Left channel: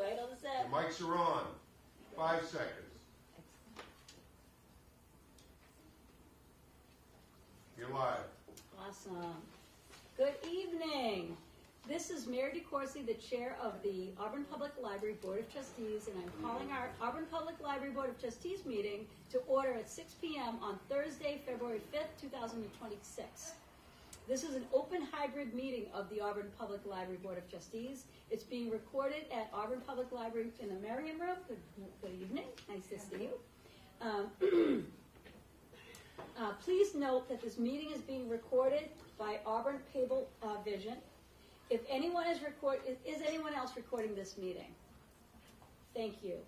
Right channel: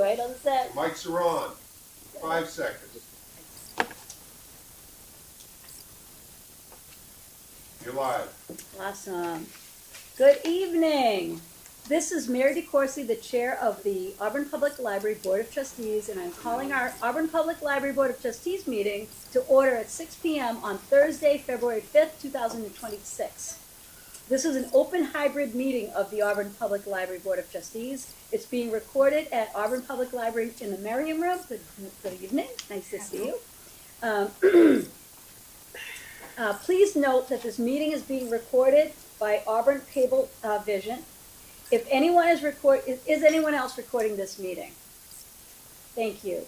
right on set. The mics are on. 5 seconds. You're live. Awesome. Good evening. This is Mary DeCourcy, the chair of the Auburn Public Library Board of Trustees, and I'm calling our Auburn Public Library Board of Trustees meeting to order at 6 p.m. on Thursday, February 5th, 2026. This is an open hybrid meeting of the Auburn Public Library Board of Trustees. It's being recorded at Auburn Public Library in the Merriam Room. Good evening. Nice to see you. Please note that this meeting is being recorded by Auburn Cable Vision. If anyone is anyone else recording this meeting? Thank you.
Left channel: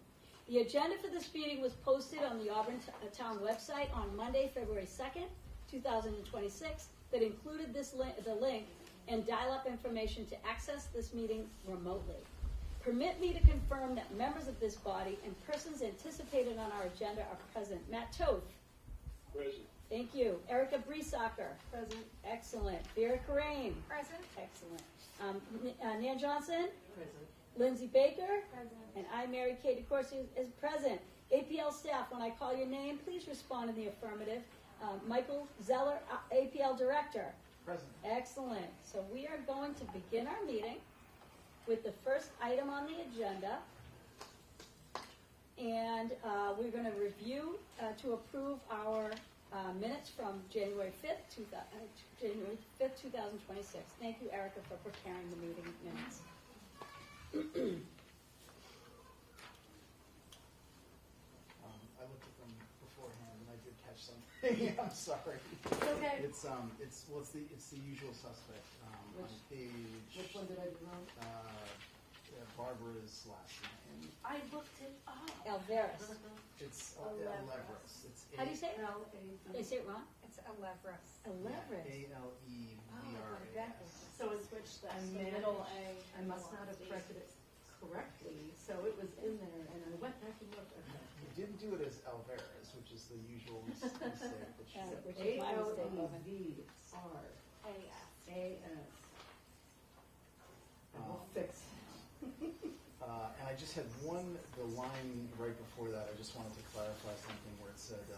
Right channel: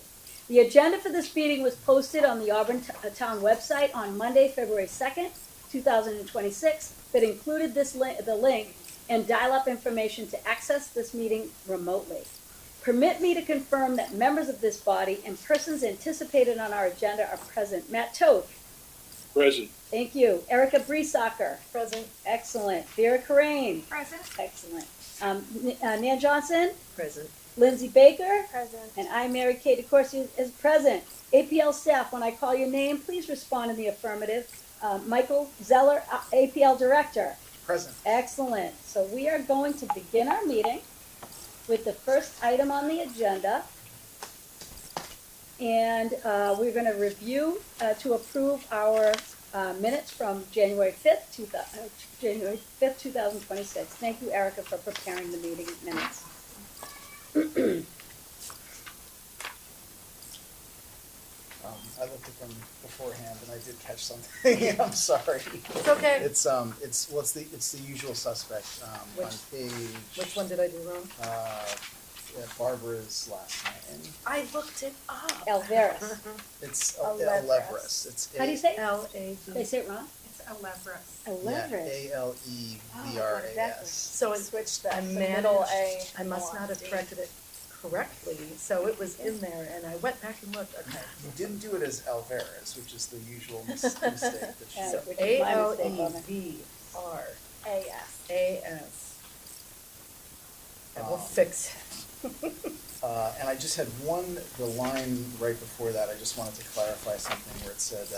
The agenda for this meeting was posted on the Auburn Town website on Monday, February 2nd, 2026, that included the link and dial-up information to access this meeting remotely. Permit me to confirm that members of this body and persons anticipated on our agenda are present. Matt Toth. Present. Thank you. Erica Breesacker. Present. Excellent. Vera Corain. Present. Excellent. Nan Johnson. Present. Lindsay Baker. Present. And I, Mary Kay DeCourcy, is present. APL staff, when I call your name, please respond in the affirmative. Michael Zeller, APL Director. Present. Excellent. So we are going to begin our meeting with the first item on the agenda. And we're going to review to approve our minutes from January 5th, 2026. Thank you, Erica, for preparing the meeting minutes. I looked at them beforehand and I did catch something. I'm sorry. It's okay. It's the usual suspect on page. Which one did I do wrong? Barbara's last name. I looked it up. Alvarez. It's Alevres. Alevres. It's How do you say it? L-A-V. Did I say it wrong? It's Alevres. Alvarez. A-L-E-V-R-A-S. So it switched that. The middle A. I must not have corrected it correctly, so it was in there, and I went back and looked. Okay. You didn't do it as Alvarez, which is the usual mistake that you Yeah. So which is my mistake, A-L-E-V-R-A-S. I will fix it. And I just had the line right before that, I just wanted to clarify something where it said,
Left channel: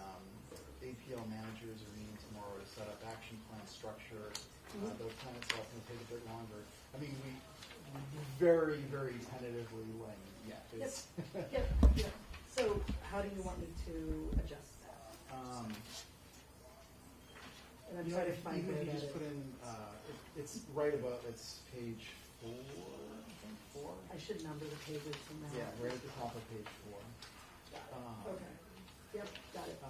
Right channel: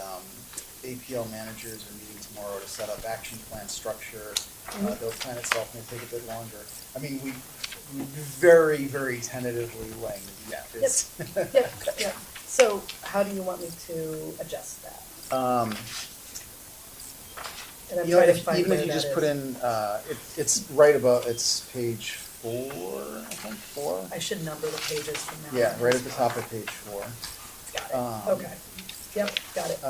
APL managers are meeting tomorrow to set up action plan structure. The plan itself may take a bit longer. I mean, we very, very tentatively laying yes. Yep. So how do you want me to adjust that? And I'm trying to find even where if you that just is. put in, it's right above, it's page 4, I think, 4? I should number the pages from now. Yeah, on. right at the top of page 4. Got it. Okay. Yep, got it.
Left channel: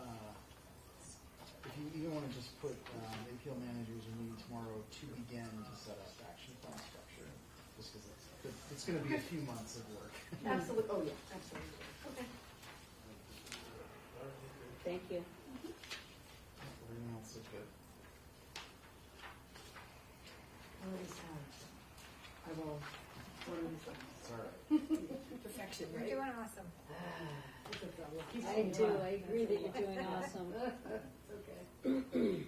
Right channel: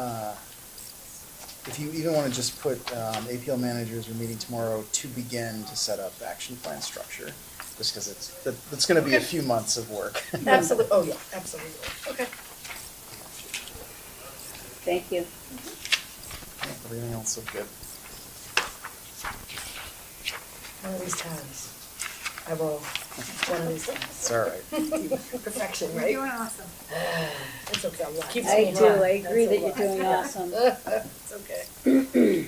If you even want to just put APL managers are meeting tomorrow to begin to set up action plan structure, just because it's going to be a few months of work. Absolutely. Oh, yeah, absolutely. Okay. Thank you. Everything else is good. One of these times. I will. One of these times. It's all right. Perfection, right? You're doing awesome. It's okay. Keeps I me do. hot. I agree That's that a you're lot. doing awesome. It's okay.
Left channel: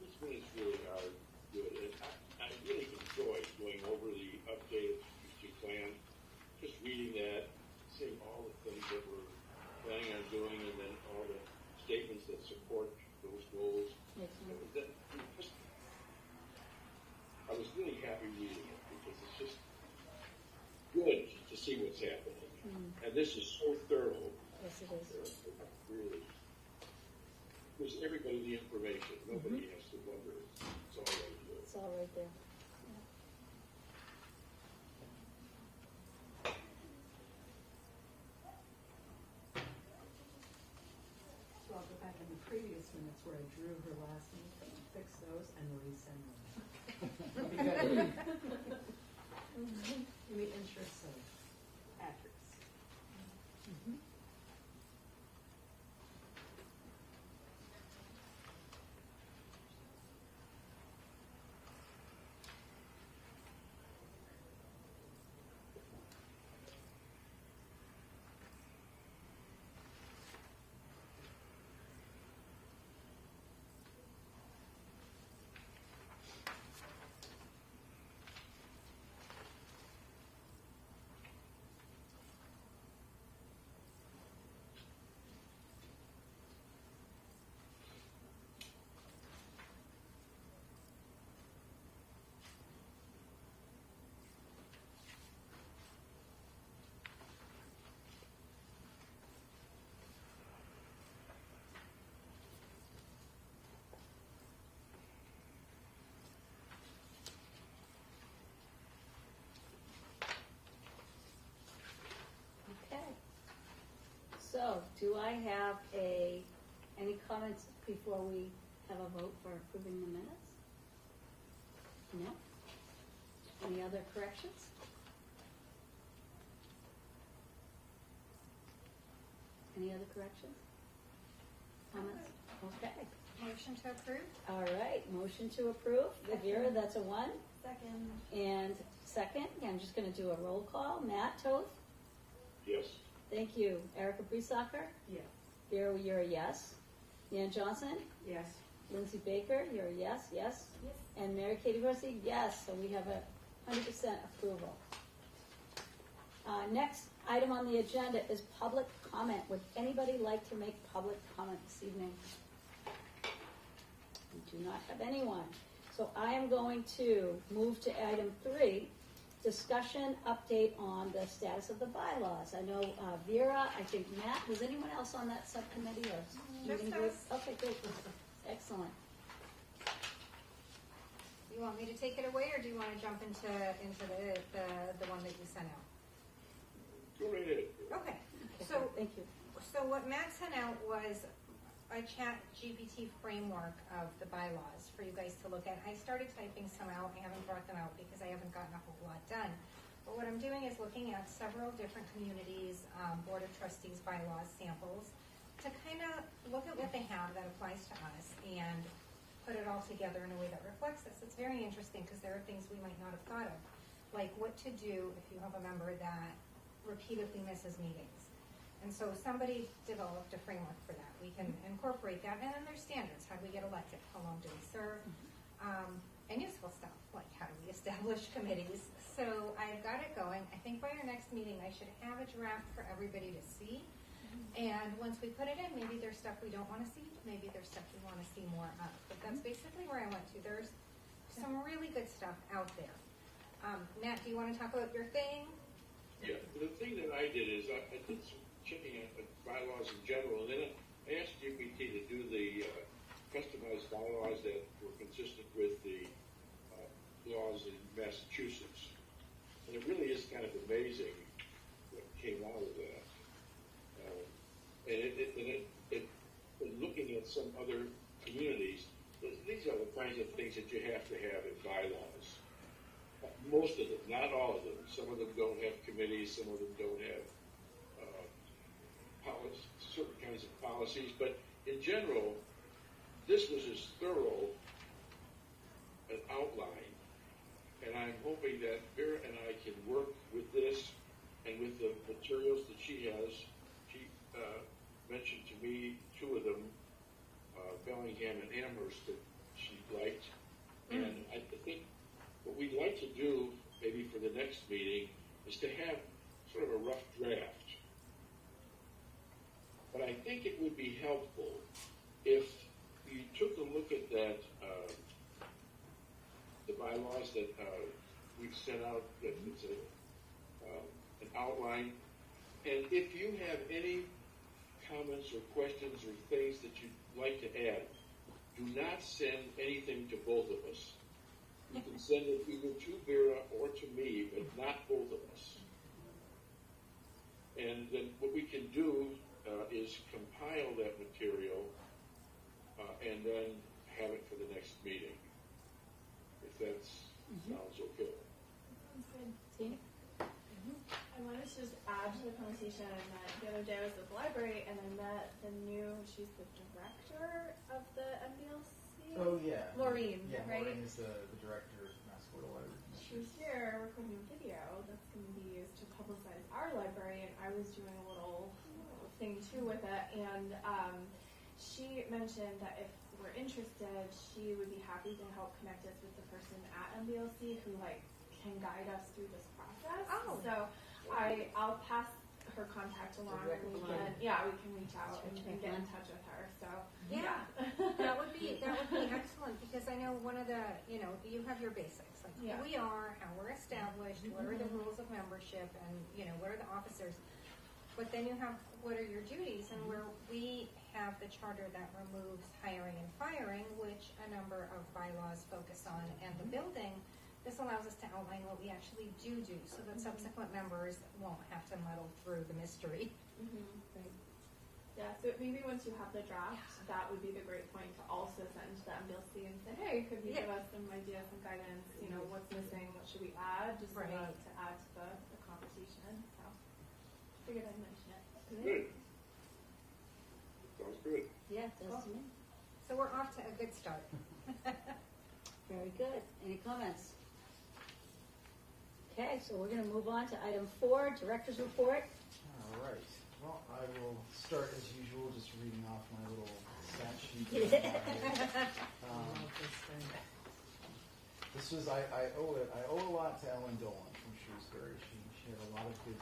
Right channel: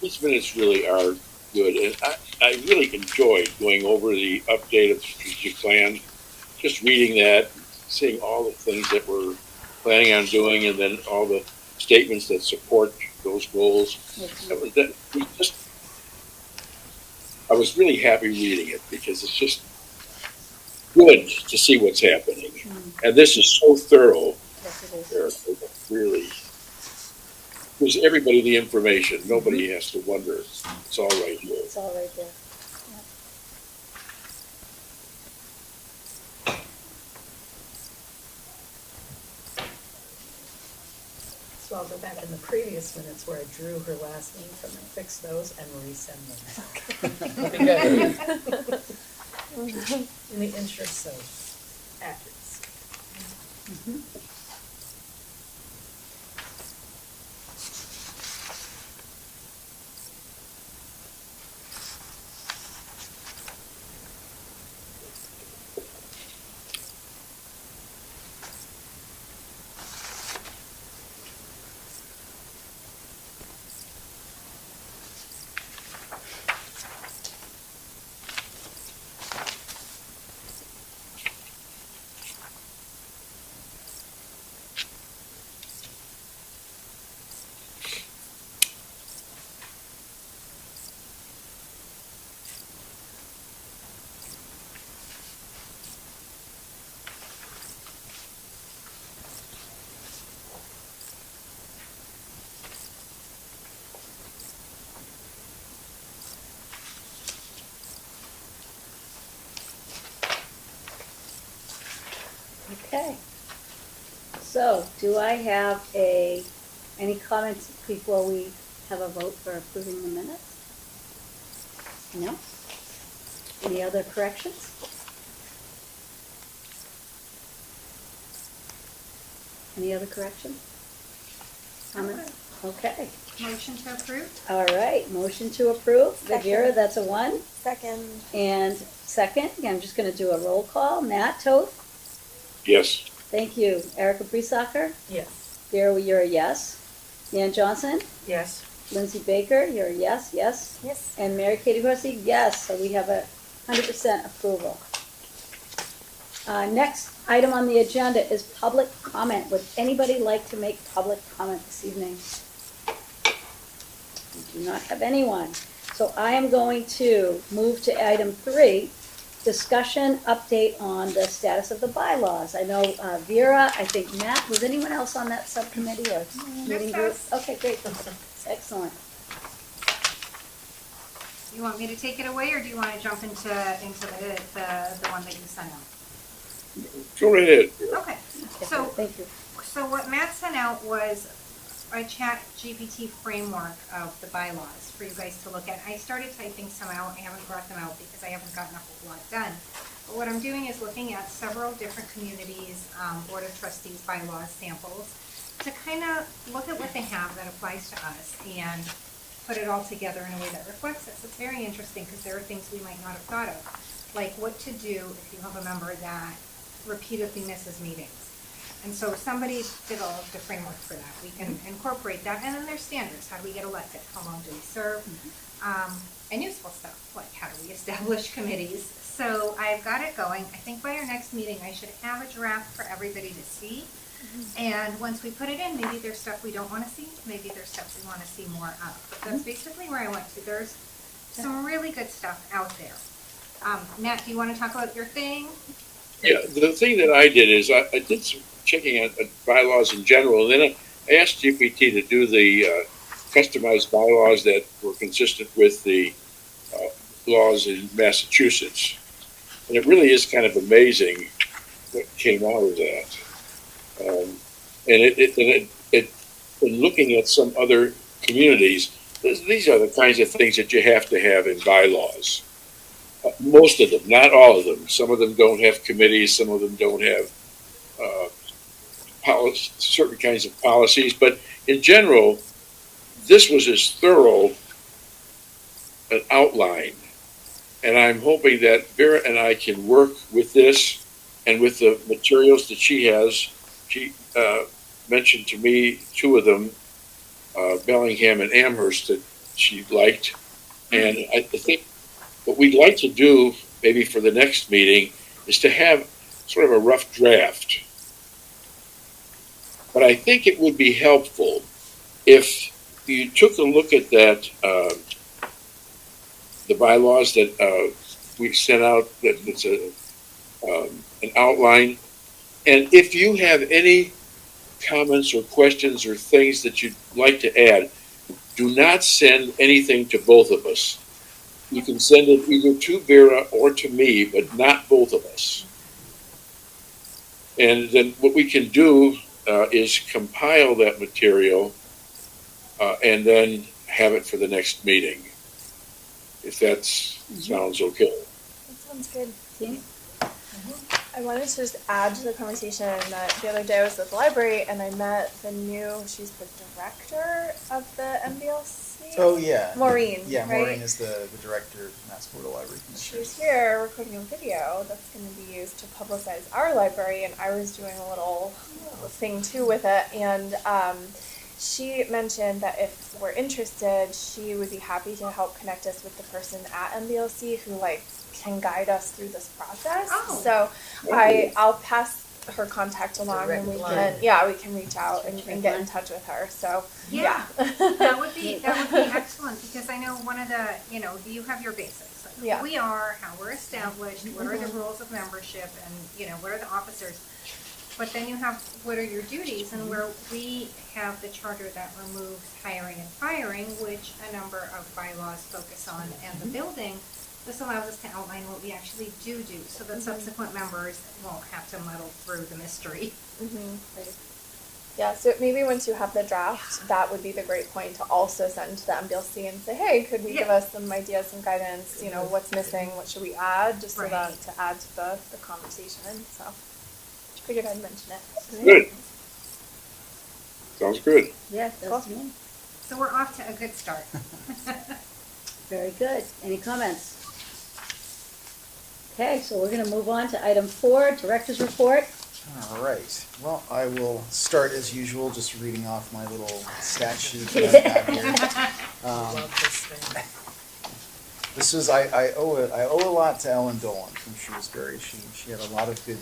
These minutes really are good, and I really enjoyed going over the update of the strategic plan, just reading that, seeing all the things that we're planning on doing, and then all the statements that support those goals. I was really happy reading it because it's just good to see what's happening. And this is so thorough. Yes, it is. It really gives everybody the information. Nobody has to wonder. It's all right here. It's all right there. So I'll go back in the previous minutes where I drew her last name from and fix those and resend them. That'd be good. In the interest of accuracy. Okay. So, do I have any comments before we have a vote for approving the minutes? No? Any other corrections? Any other corrections? Comments? Okay. Motion to approve? All right, motion to approve. Second. Viera, that's a 1. Second. And second, I'm just gonna do a roll call. Matt Toth? Yes. Thank you. Erica Breesacker? Yes. Vera, you're a yes. Nan Johnson? Yes. Lindsay Baker, you're a yes, yes. Yes. And Mary Katie Horsey, yes, so we have 100% approval. Next item on the agenda is public comment. Would anybody like to make public comment this evening? We do not have anyone. So I am going to move to item 3, discussion update on the status of the bylaws. I know Vera, I think Matt, was anyone else on that subcommittee or meeting group? us. Okay, great, excellent. You want me to take it away, or do you want to jump into the one that you sent out? Go right ahead. Okay, so, Thank you. so what Matt sent out was a chat GPT framework of the bylaws for you guys to look at. I started typing some out, I haven't brought them out because I haven't gotten a whole lot done. But what I'm doing is looking at several different communities, Board of Trustees bylaws samples, to kind of look at what they have that applies to us and put it all together in a way that reflects us. It's very interesting because there are things we might not have thought of, like what to do if you have a member that repeatedly misses meetings. And so somebody developed a framework for that. We can incorporate that, and then there's standards. How do we get elected? How long do we serve? And useful stuff, like how do we establish committees? So I've got it going. I think by our next meeting, I should have a draft for everybody to see. And once we put it in, maybe there's stuff we don't want to see, maybe there's stuff we want to see more of. But that's basically where I went to. There's some really good stuff out there. Nat, do you want to talk about your thing? Yeah, the thing that I did is I did some checking on bylaws in general, and then I asked GPT to do the customized bylaws that were consistent with the laws in Massachusetts. And it really is kind of amazing what came out of that. In looking at some other communities, these are the kinds of things that you have to have in bylaws. Most of them, not all of them. Some of them don't have committees. Some of them don't have certain kinds of policies. But in general, this was as thorough an outline. And I'm hoping that Vera and I can work with this and with the materials that she has. She mentioned to me 2 of them, Bellingham and Amherst, that she liked. And I think what we'd like to do, maybe for the next meeting, is to have sort of a rough draft. But I think it would be helpful if you took a look at that, the bylaws that we sent out, that it's an outline. And if you have any comments or questions or things that you'd like to add, do not send anything to both of us. You can send it either to Vera or to me, but not both of us. And then what we can do is compile that material and then have it for the next meeting, if that sounds okay. That sounds good. See? I wanted to just add to the conversation that the other day I was at the library and I met she's the director of the MBLC. Oh, yeah. Maureen, Yeah, right? Maureen is the director of Mass Board of Library Commissioners. She's here recording a video that's going to be used to publicize our library, and I was doing a little thing too with it, and she mentioned that if we're interested, she would be happy to help connect us with the person at MBLC who can guide us through this process. Oh. So I'll pass her contact along, and we can reach out and get in touch with her. So Yeah. That would be excellent, because I know one of the, you have your basics. Like Yeah. who we are, how we're established, what are the rules of membership, and, what are the officers. But then you have, what are your duties, and where we have the charter that removes hiring and firing, which a number of bylaws focus on, and the building This allows us to outline what we actually do, so that subsequent members won't have to muddle through the mystery. Yeah, so maybe once you have the draft, that would be the great point to also send to the MDLC and say, hey, could we give us some ideas, some guidance, you know, what's missing, what should we add, just so that, to add to the conversation, so. Figured I'd mention it. Good. Sounds good. Yeah, that's me. So we're off to a good start. Very good. Any comments? Okay, so we're gonna move on to item 4, Director's Report. All right, well, I will start as usual, just reading off my little stat sheet that I have here. Love this thing. This was, I owe a lot to Ellen Dolan from Shrewsbury. She had a lot of good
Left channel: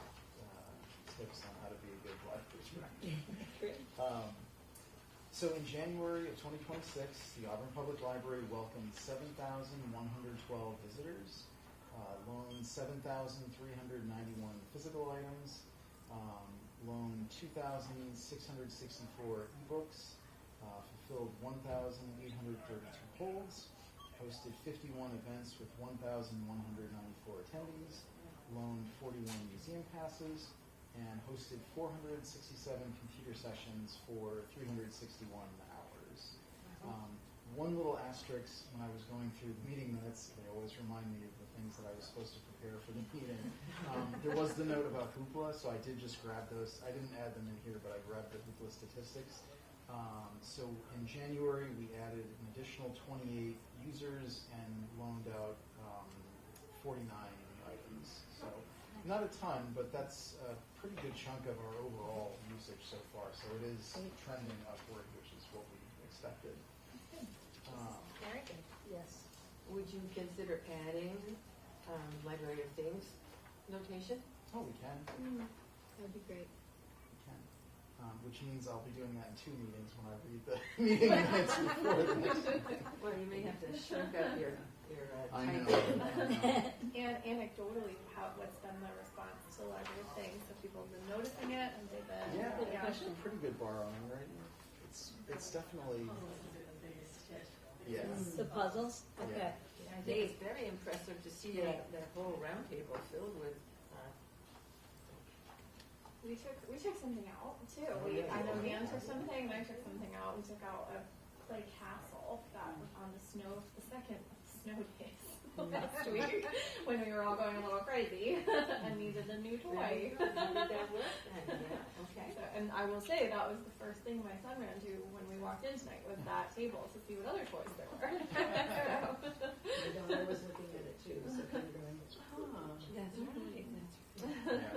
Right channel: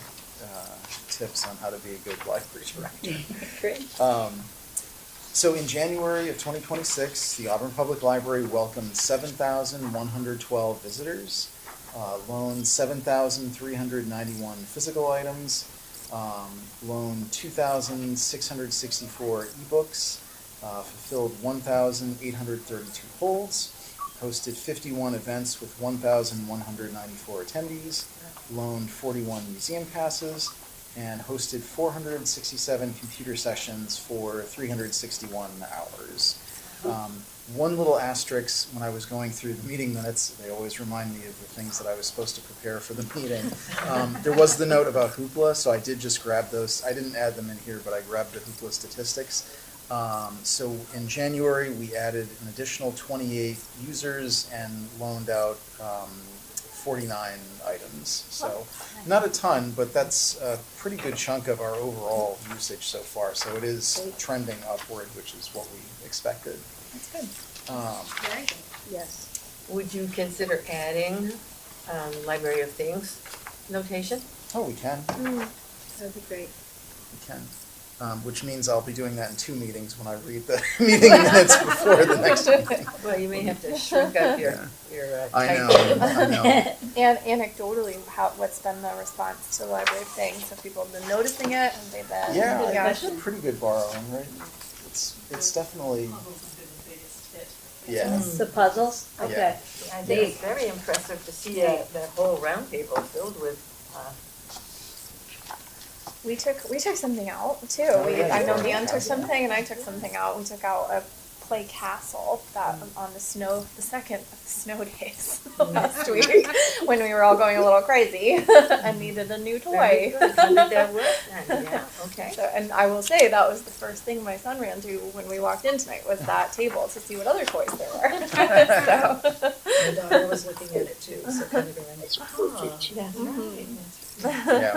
tips on how to be a good library director. Great. So in January of 2026, the Auburn Public Library welcomed 7,112 visitors, loaned 7,391 physical items, loaned 2,664 ebooks, fulfilled 1,832 holds, hosted 51 events with 1,194 attendees, loaned 41 museum passes, and hosted 467 computer sessions for 361 hours. One little asterisk, when I was going through the meeting minutes, they always remind me of the things that I was supposed to prepare for the meeting. There was the note about Hoopla, so I did just grab those. I didn't add them in here, but I grabbed the Hoopla statistics. So in January, we added an additional 28 users and loaned out 49 items. So not a ton, but that's a pretty good chunk of our overall usage so far. So it is trending upward, which is what we expected. That's good. Very good. Yes. Would you consider adding Library of Things notation? Oh, we can. That would be great. We can. Which means I'll be doing that in 2 meetings when I read the meeting minutes before the next meeting. Well, you may have to shrink up your I know, typing. I know. And anecdotally, what's been the response to the Library of Things? Have people been noticing it? Have they been? Yeah, it's pretty good borrowing, right? It's definitely, yeah. The puzzles? Yeah. Okay. I think it's very impressive to see that whole round table filled with, We took something out too. Oh, yeah, I know you Dan did. took something and I took something out. We took out a play castle that on the second snow days last week when we were all going a little crazy and needed a new very toy. good. How did that work then? Yeah, okay. So, and I will say that was the first thing my son ran to when we walked in tonight was that table to see what other toys there were. So. My daughter was looking at it too, so kind of going, That's right. Yeah, we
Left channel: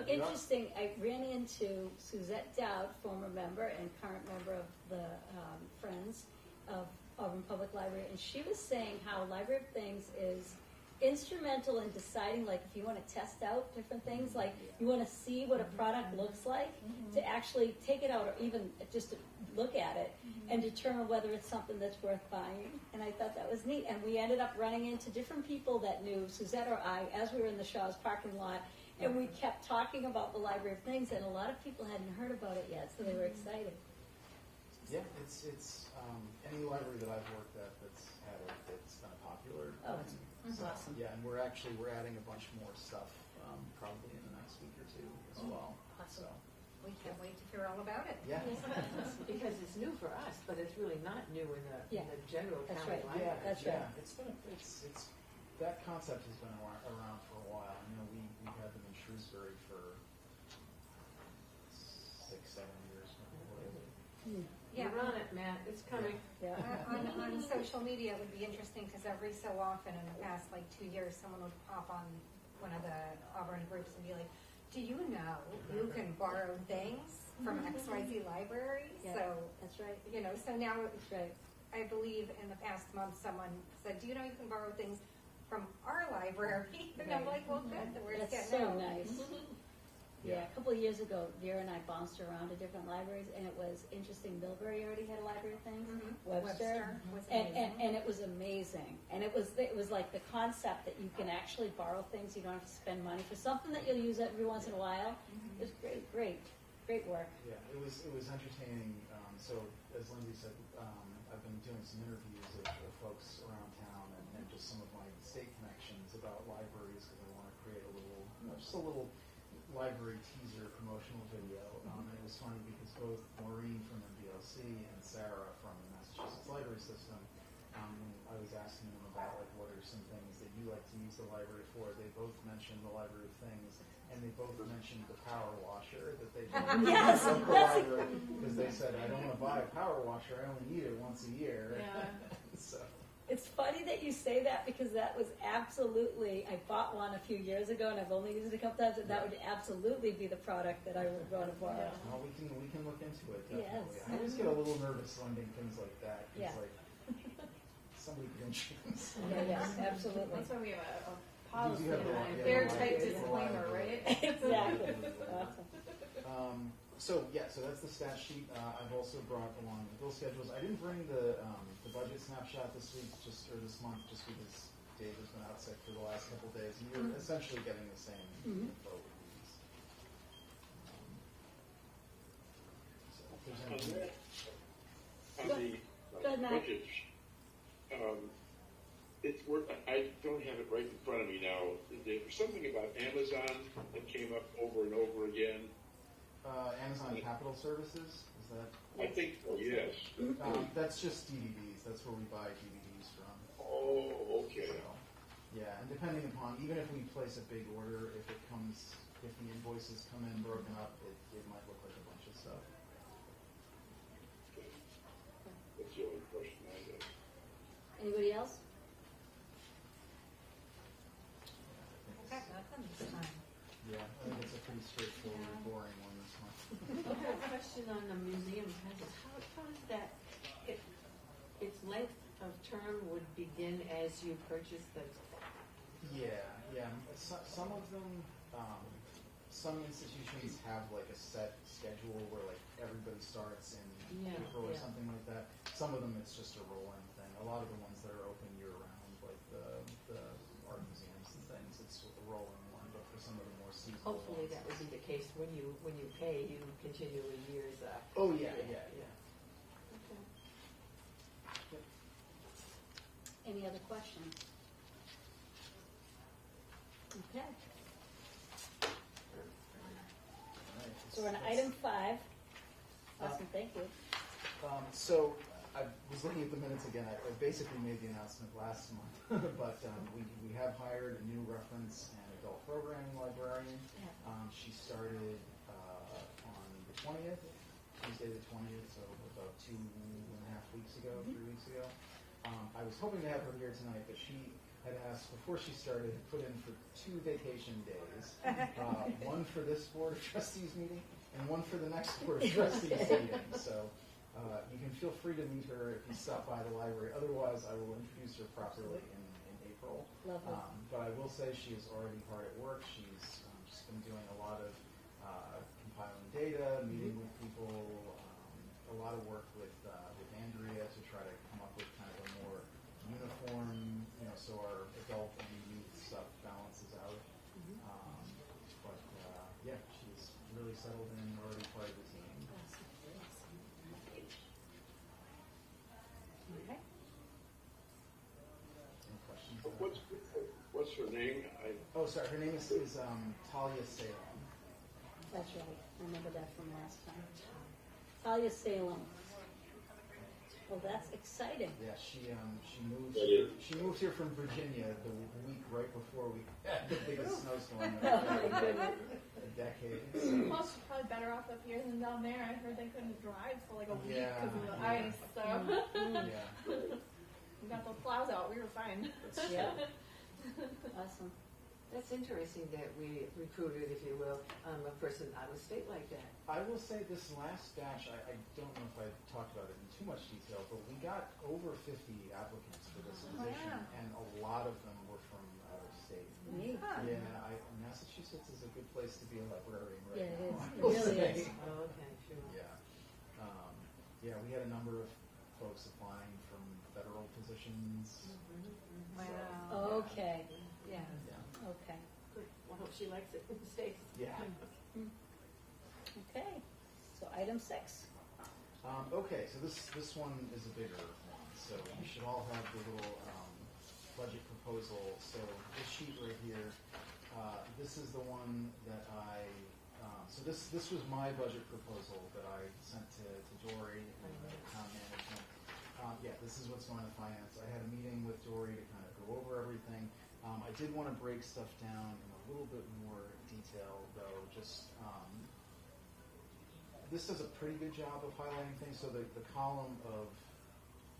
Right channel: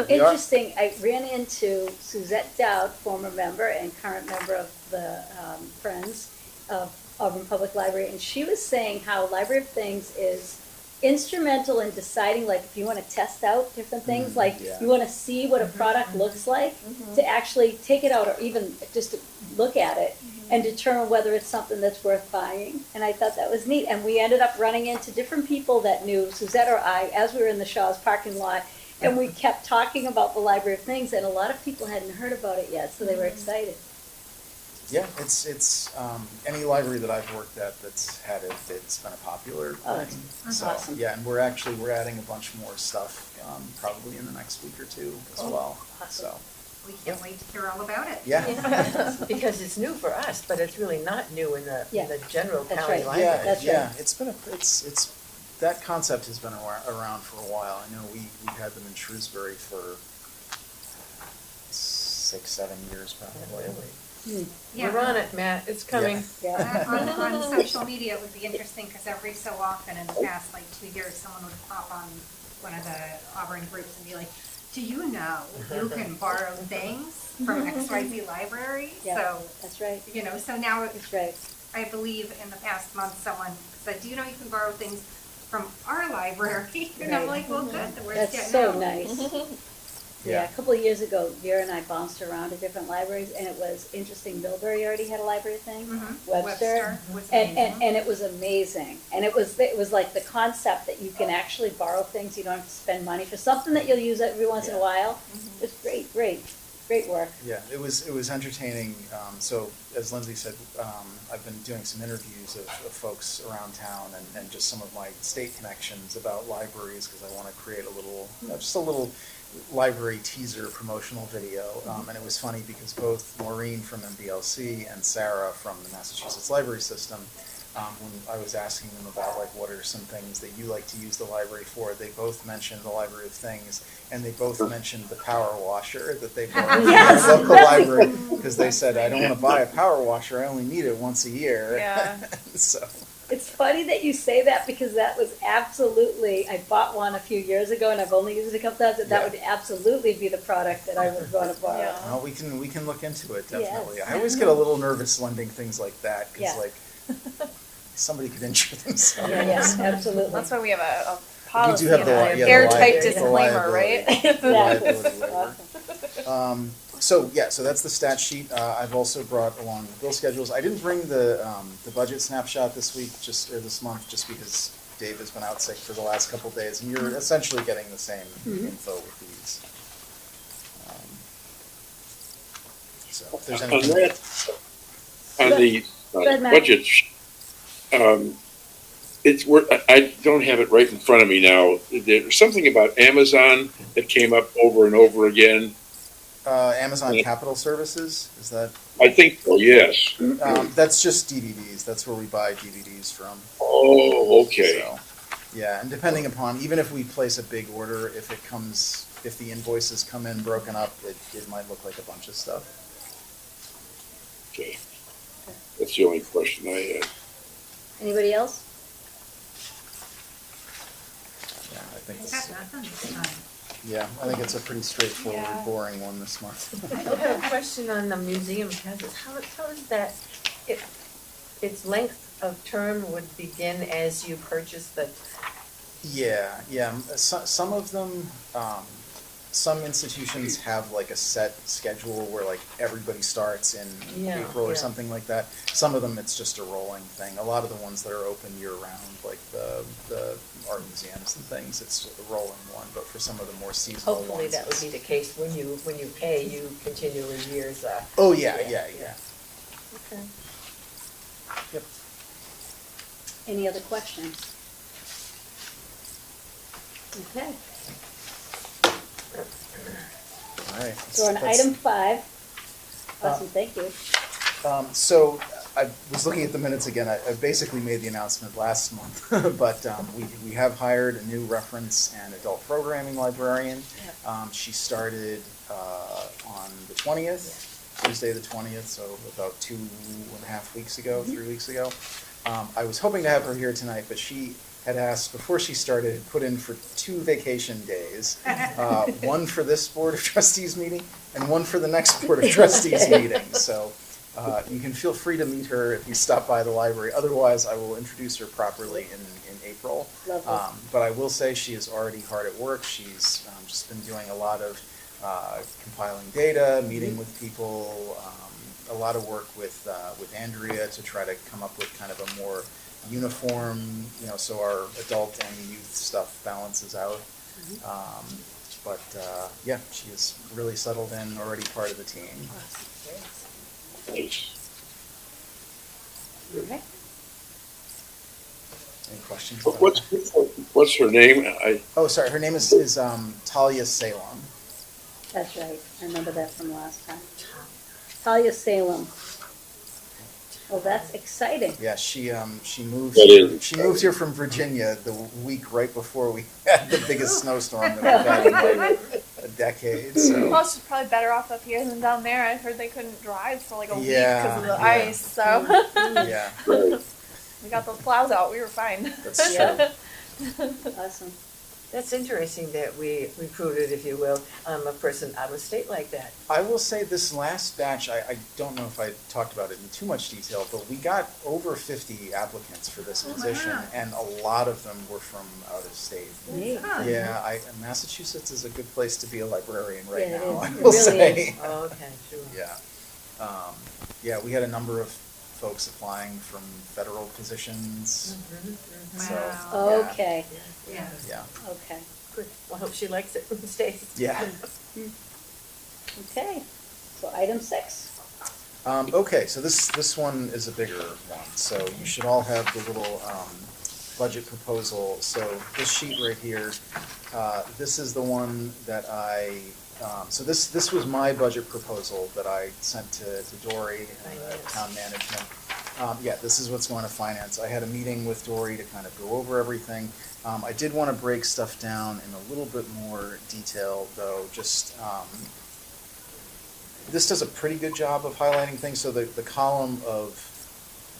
are. Interesting, I ran into Suzette Dowd, former member and current member of the Friends of Auburn Public Library, and she was saying how Library of Things is instrumental in deciding, like, if you want to test out different things, like, yeah. you want to see what a product looks like, to actually take it out or even just to look at it and determine whether it's something that's worth buying. And I thought that was neat, and we ended up running into different people that knew Suzette or I as we were in the Shaw's parking lot. And we kept talking about the Library of Things, and a lot of people hadn't heard about it yet, so they were excited. Yeah, it's any library that I've worked at that's had it, it's been a popular Oh, thing. that's So, awesome. yeah, and we're adding a bunch more stuff, probably in the next week or 2 as well, so, We can't wait to hear all about it. yeah. Because it's new for us, but it's really not new in the general That's county right. library. Yeah, That's yeah, right. it's been it's that concept has been around for a while. I know we've had them in Shrewsbury for 6-7 years probably. Yeah. We're on it, Matt, it's coming. Yeah. On social media, it would be interesting, because every so often in the past, like 2 years, someone would pop on one of the Auburn groups and be like, do you know you can borrow things from XYZ library? Yeah. So, That's right, you know, so now that's right. I believe in the past month, someone said, do you know you can borrow things from our library? And I'm like, well, good, the word's That's getting so out. nice. Yeah, a couple of years ago, Vera and I bounced around to different libraries, and it was interesting. Millbury already had a library thing, Webster, was and amazing. it was amazing. And it was like the concept that you can actually borrow things. You don't have to spend money for something that you'll use every once in a while. It's great. Great work. Yeah, it was entertaining. So as Lindsay said, I've been doing some interviews of folks around town and just some of my state connections about libraries because I want to create a little, just a little library teaser promotional video. And it was funny because both Maureen from MBLC and Sarah from the Massachusetts Library System, when I was asking them about like what are some things that you like to use the library for, they both mentioned the Library of Things, and they both mentioned the power washer that they bought Yes, from their local that's library because they said I don't want to buy a power washer, I only need it once a year. Yeah. So It's funny that you say that because that was absolutely, I bought one a few years ago and I've only used it a couple times, and that Yeah. would absolutely be the product that I would want to borrow. Yeah. well, we can look into it definitely. Yes. I always get a little nervous lending things like that because Yeah. like somebody could injure themselves. Yeah, absolutely. That's why we have a We policy do have and the, an yeah, the airtight liability- the disclaimer, right? liability- liability Exactly. waiver. Awesome. So that's the stat sheet. I've also brought along the bill schedules. I didn't bring the budget snapshot this week, or this month, just because Dave has been out sick for the last couple of days, and you're essentially getting the same info with these. So if there's On anything. that, on the ahead, Matt. budget, I don't have it right in front of me now. There's something about Amazon that came up over and over again. Amazon Capital Services, is that? I think so, yes. That's just DVDs. That's where we buy DVDs from. Oh, okay. So, yeah, and depending upon, even if we place a big order, if the invoices come in broken up, it might look like a bunch of stuff. Okay. That's the only question I had. Anybody else? Yeah, I think I it's, got nothing this time. yeah, I think it's a pretty straightforward, Yeah. boring one this month. I have a question on the museum passes. How is that, its length of term would begin as you purchase the, Yeah. Some of them, some institutions have like a set schedule where like everybody starts in Yeah, April or yeah. something like that. Some of them, it's just a rolling thing. A lot of the ones that are open year round, like the art museums and things, it's a rolling one. But for some of the more seasonal ones, hopefully that would be the case when you pay, you continually years, Oh, yeah. Okay. Yep. Any other questions? Okay, All right. so on That's- item 5, awesome, thank you. So I was looking at the minutes again. I basically made the announcement last month, but we have hired a new reference and adult programming librarian. She started on the 20th, Tuesday the 20th, so about 2.5 weeks ago, 3 weeks ago. I was hoping to have her here tonight, but she had asked, before she started, put in for 2 vacation days, one for this Board of Trustees meeting and one for the next Board of Trustees meeting. So you can feel free to meet her if you stop by the library. Otherwise, I will introduce her properly in April. Lovely. But I will say she is already hard at work. She's just been doing a lot of compiling data, meeting with people, a lot of work with Andrea to try to come up with kind of a more uniform, so our adult and youth stuff balances out. But yeah, she is really settled in, already part of the team. Nice. All right. Any questions? What's her name? Oh, sorry, her name is Talia Salem. That's right, I remember that from last time. Talia Salem. Well, that's exciting. Yeah, she moved That here, is- she moved here from Virginia the week right before we had the biggest snowstorm that we've had in like a decade. So Plus, she's probably better off up here than down there. I heard they couldn't drive for like a week Yeah, because of the yeah. ice. So yeah, Right. we got those plows out. We were fine. that's Yeah. true. Awesome. That's interesting that we recruited, if you will, a person out of state like that. I will say this last batch, I don't know if I talked about it in too much detail, but we got over 50 applicants for this position, wow. and a lot of them were from out of state. Neat. Huh. Yeah, Massachusetts is a good place to be a librarian right Yeah, it now, is. I It will really say. Oh, okay, sure. Yeah. Yeah, we had a number of folks applying from federal positions, so, Wow. Okay, Yeah. yeah, okay, Good. Well, I hope she likes it and stays. yeah. okay. item 6. Okay, so this one is a bigger one, so you should all have the little, budget proposal. So this sheet right here, this is the one that so this was my budget proposal that I sent to Dory and the town management. Yeah, this is what's going to finance. I had a meeting with Dory to kind of go over everything. I did want to break stuff down in a little bit more detail, though, just, this does a pretty good job of highlighting things. So the column of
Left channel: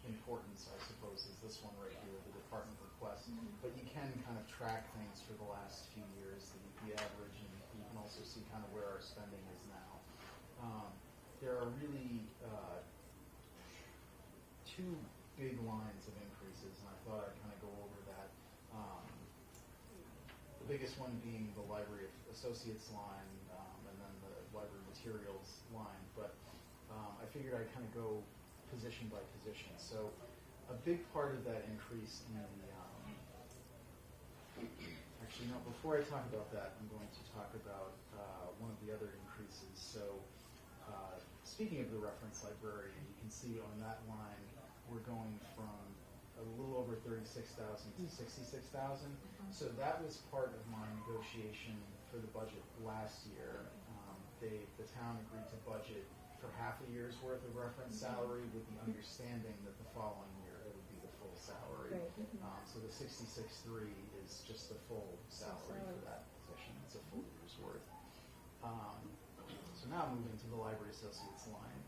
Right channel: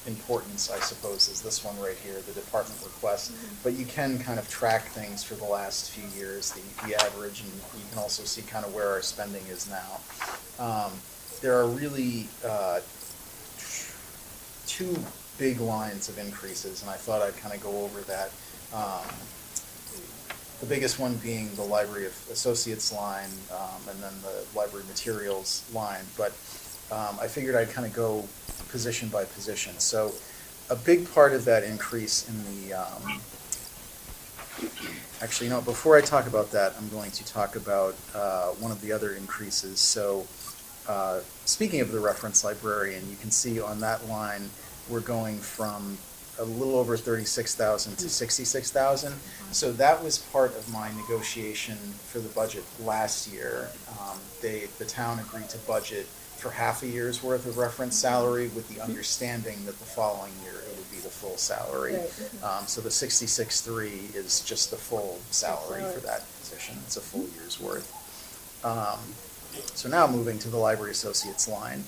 importance, I suppose, is this one right here, the department request. But you can kind of track things for the last few years, the average, and you can also see kind of where our spending is now. There are really two big lines of increases, and I thought I'd kind of go over that. The biggest one being the Library of Associates line, and then the Library Materials line. But I figured I'd kind of go position by position. So a big part of that increase in the, actually, before I talk about that, I'm going to talk about one of the other increases. So speaking of the reference librarian, you can see on that line, we're going from a little over 36,000 to 66,000. So that was part of my negotiation for the budget last year. The town agreed to budget for half a year's worth of reference salary with the understanding that the following year it would be the full salary. Right. So the 66.3 is just the full salary for that position. It's a full year's worth. So now moving to the Library Associates line.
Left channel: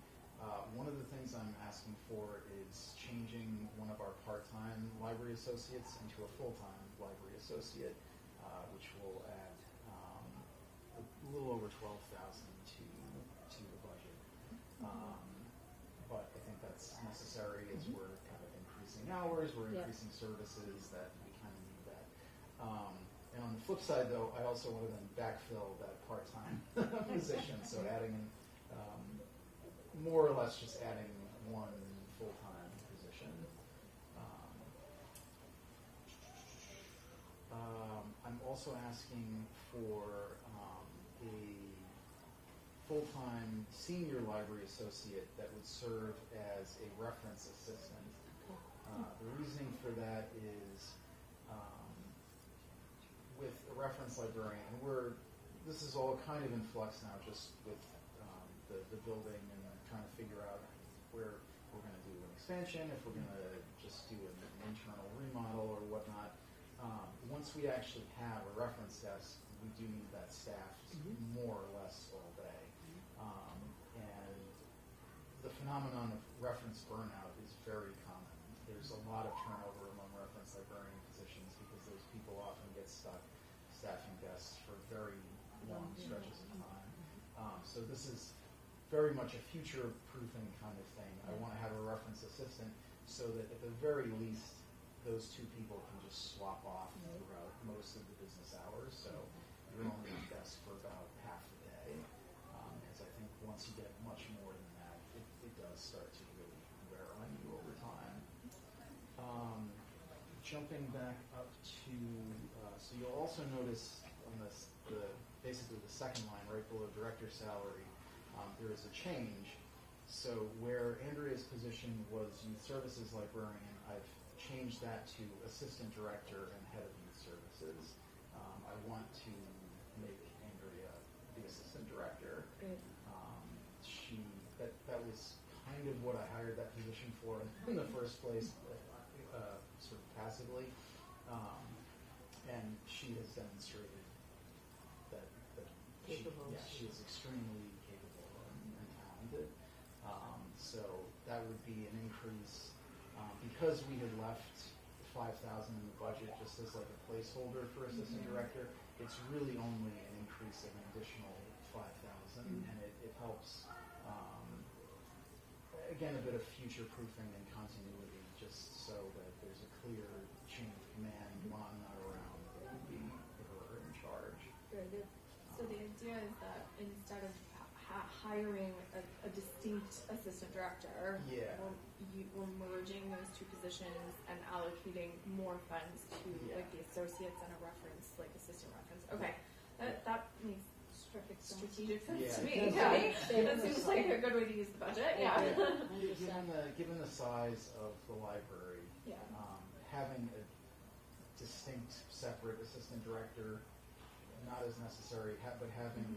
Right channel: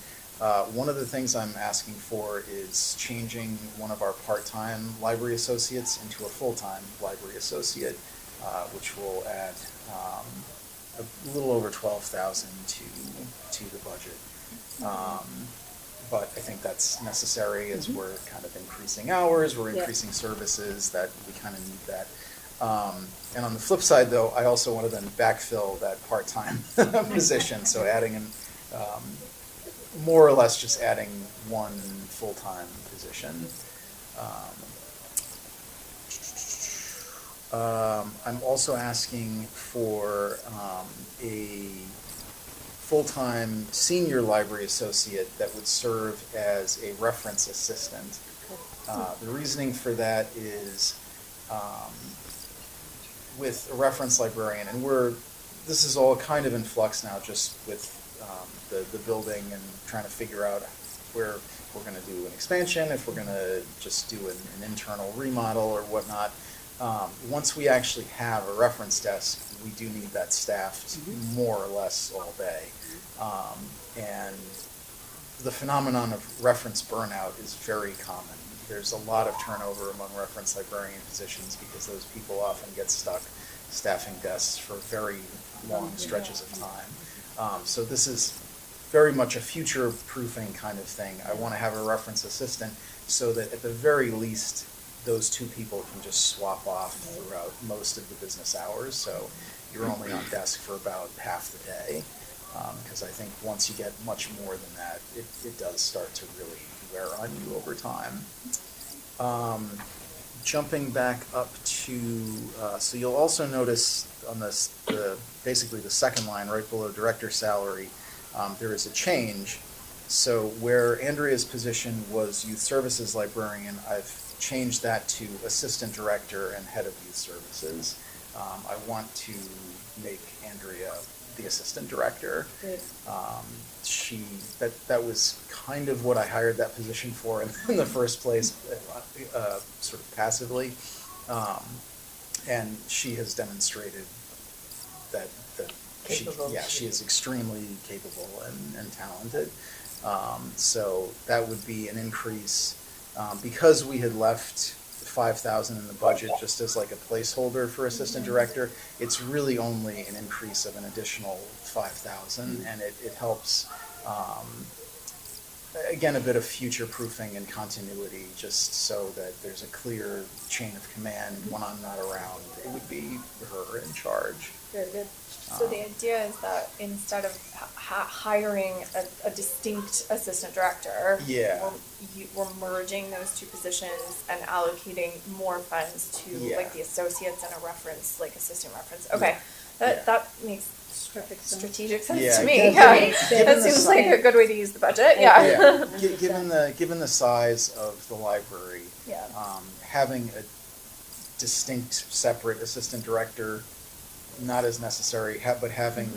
One of the things I'm asking for is changing one of our part-time library associates into a full-time library associate, which will add a little over 12,000 to the budget. But I think that's necessary as we're kind of increasing hours, we're increasing services, that we kind of need that. And on the flip side, though, I also want to then backfill that part-time position, so adding in, more or less just adding one full-time position. I'm also asking for a full-time senior library associate that would serve as a reference assistant. The reasoning for that is with a reference librarian, and this is all kind of in flux now, just with the building and trying to figure out where we're going to do an expansion, if we're going to just do an internal remodel or whatnot. Once we actually have a reference desk, we do need that staffed more or less all day. And the phenomenon of reference burnout is very common. There's a lot of turnover among reference librarian positions because those people often get stuck staffing desks for very long stretches of time. So this is very much a future-proofing kind of thing. I want to have a reference assistant so that at the very least, those two people can just swap off throughout most of the business hours. So you're only on desk for about half the day. Because I think once you get much more than that, it does start to really wear on you over time. Jumping back up to, so you'll also notice on this, basically the second line right below director salary, there is a change. So where Andrea's position was youth services librarian, I've changed that to assistant director and head of youth services. I want to make Andrea the assistant director. That was kind of what I hired that position for in the first place, sort of passively, and she has demonstrated that she is extremely capable and talented. So that would be an increase because we had left 5,000 in the budget just as like a placeholder for assistant director. It's really only an increase of an additional 5,000, and it helps. Again, a bit of future proofing and continuity, just so that there's a clear chain of command. When I'm not around, it would be her in charge. Very good. So the idea is that instead of hiring a distinct assistant director, we're merging those two positions and allocating more funds to like the associates and a reference, like assistant reference. Okay, that makes Perfect sense. strategic sense Yeah, to me. given- Yeah, given that the seems si- like a good way to use the budget. I Yeah. agree. Given the size of the library, Yeah. having a distinct separate assistant director, not as necessary, but having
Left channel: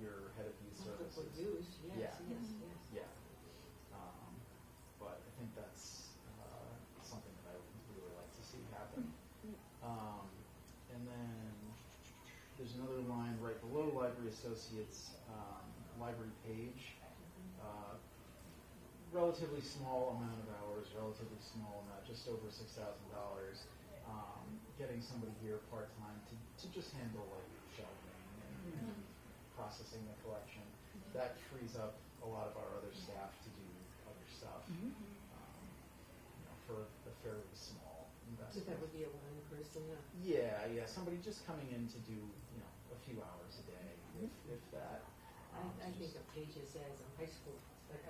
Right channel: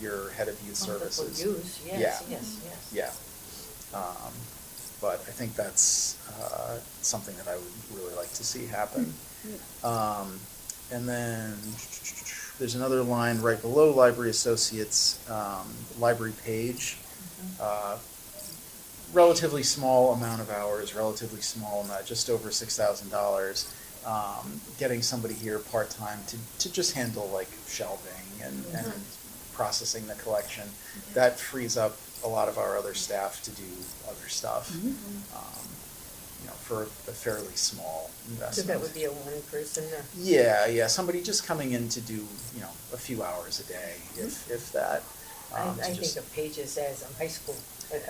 your head of youth Wonderful services. use, yes, Yeah. yes, yes. Yeah. But I think that's something that I would really like to see happen. And then there's another line right below library associates, library page. Relatively small amount of hours, relatively small amount, just over $6,000. Getting somebody here part-time to just handle like shelving and processing the collection. That frees up a lot of our other staff to do other stuff, you know, for a fairly small So investment. that would be a one person or? Yeah, somebody just coming in to do, you know, a few hours a day, if that. I to think just- of pages as a high school,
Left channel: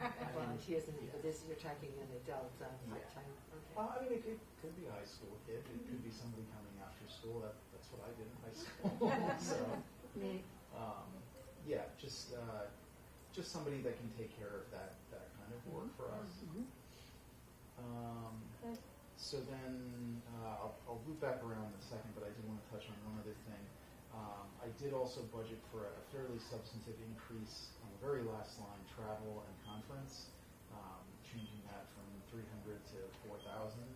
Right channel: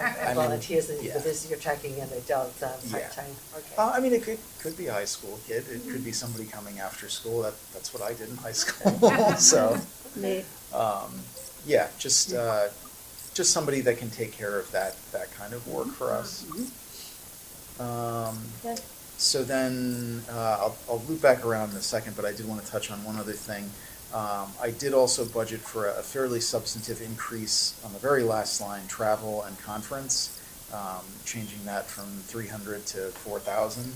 I mean, volunteers, and yeah. this, you're talking an adult, Yeah. part-time, okay. I mean, it could be a high school kid, it could be somebody coming after school, that's what I did in high school, so. Neat. Yeah, just somebody that can take care of that kind of work for us. Okay. So then, I'll loop back around in a second, but I did want to touch on one other thing. I did also budget for a fairly substantive increase on the very last line, travel and conference, changing that from 300 to 4,000.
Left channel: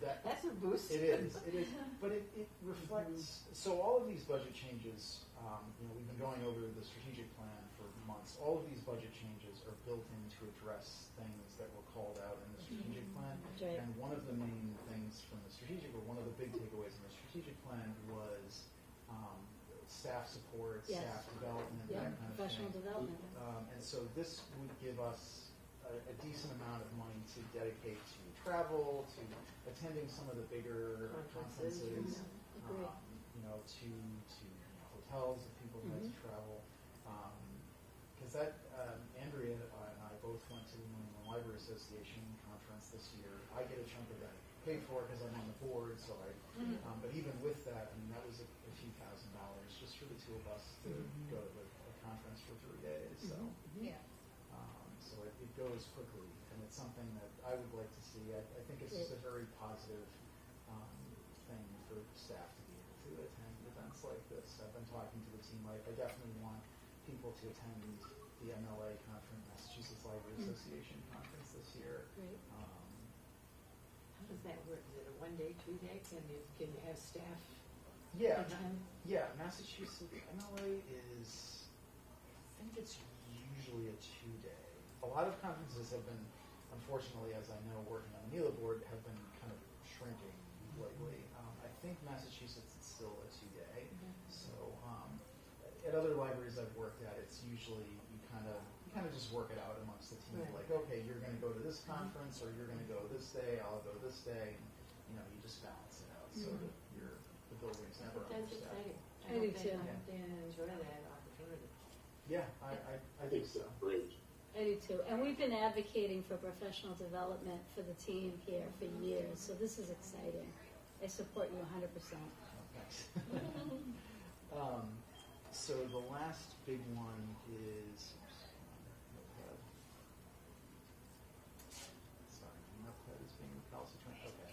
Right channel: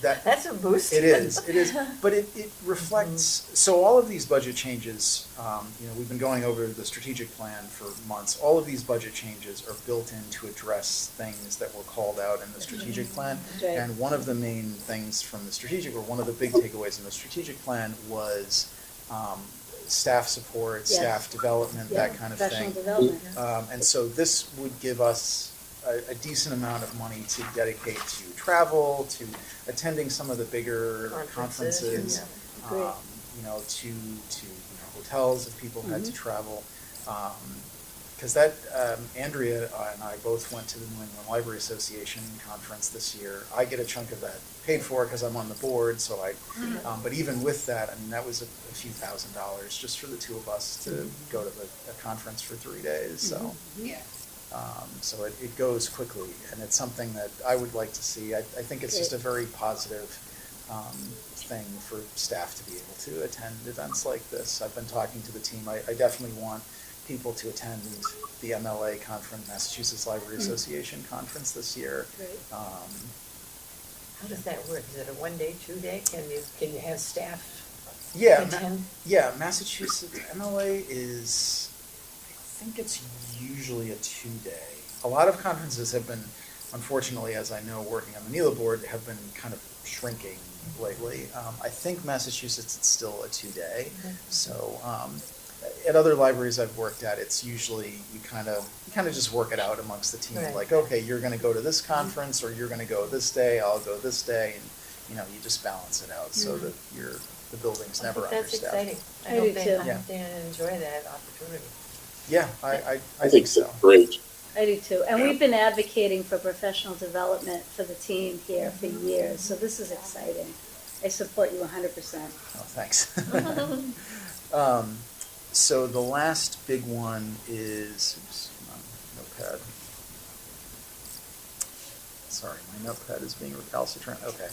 That's a boost. It is, but it reflects, so all of these budget changes, you know, we've been going over the strategic plan for months. All of these budget changes are built in to address things that were called out in the strategic plan. Right. And one of the main things from the strategic, or one of the big takeaways in the strategic plan was staff support, Yes. staff development, Yeah, that kind of professional thing. development. And so this would give us a decent amount of money to dedicate to travel, to attending some of the bigger conferences, Agreed. you know, to hotels if people had to travel. Because that, Andrea and I both went to the New England Library Association conference this year. I get a chunk of that paid for because I'm on the board, so but even with that, I mean, that was a few $1,000s just for the two of us to go to a conference for 3 days, so. Yeah. So it goes quickly, and it's something that I would like to see. I think it's just a very positive thing for staff to be able to attend events like this. I've been talking to the team. I definitely want people to attend the MLA conference, Massachusetts Library Association conference this year. Great. How does that work? Is it a 1 day, 2 day? Can you have staff Yeah, attend? Massachusetts MLA is, I think it's usually a 2-day. A lot of conferences have been, unfortunately, as I know, working on the NELA board, have been kind of shrinking lately. I think Massachusetts, it's still a 2-day. So at other libraries I've worked at, it's usually you kind of just work it out amongst the team. Right. Like, okay, you're going to go to this conference, or you're going to go this day. I'll go this day, and you know, you just balance it out so that the building's I never think that's understaffed. exciting. I do too. I hope they enjoy that opportunity. Yeah, I think so. Great. I do too. And we've been advocating for professional development for the team here for years, so this is exciting. I support you 100%. Oh, thanks. So the last big one is, oops, come on, notepad. Sorry, my notepad is being recalcitrant. Okay.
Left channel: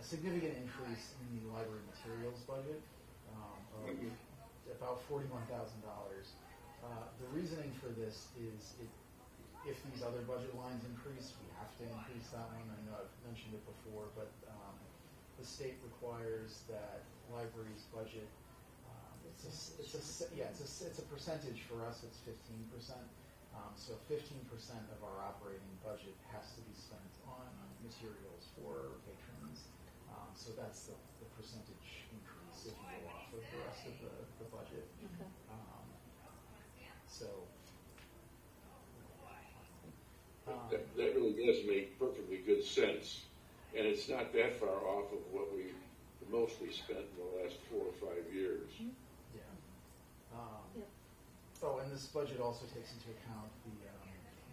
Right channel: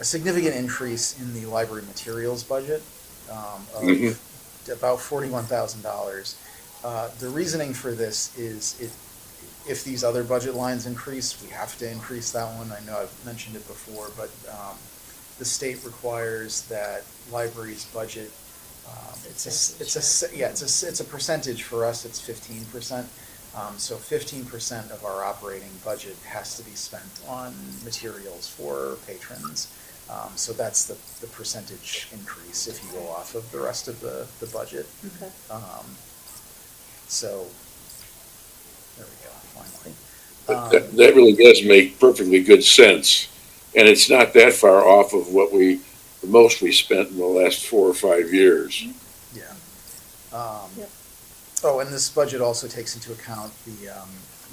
A significant increase in the library materials budget of about $41,000. The reasoning for this is if these other budget lines increase, we have to increase that one. I know I've mentioned it before, but the state requires that libraries budget. It's a percentage for us. It's 15%. So 15% of our operating budget has to be spent on materials for patrons. So that's the percentage increase if you go off of the rest of the budget. Okay. So there we go, finally. That really does make perfectly good sense. And it's not that far off of the most we spent in the last 4 or 5 years. Yeah. Yep. Oh, and this budget also takes into account the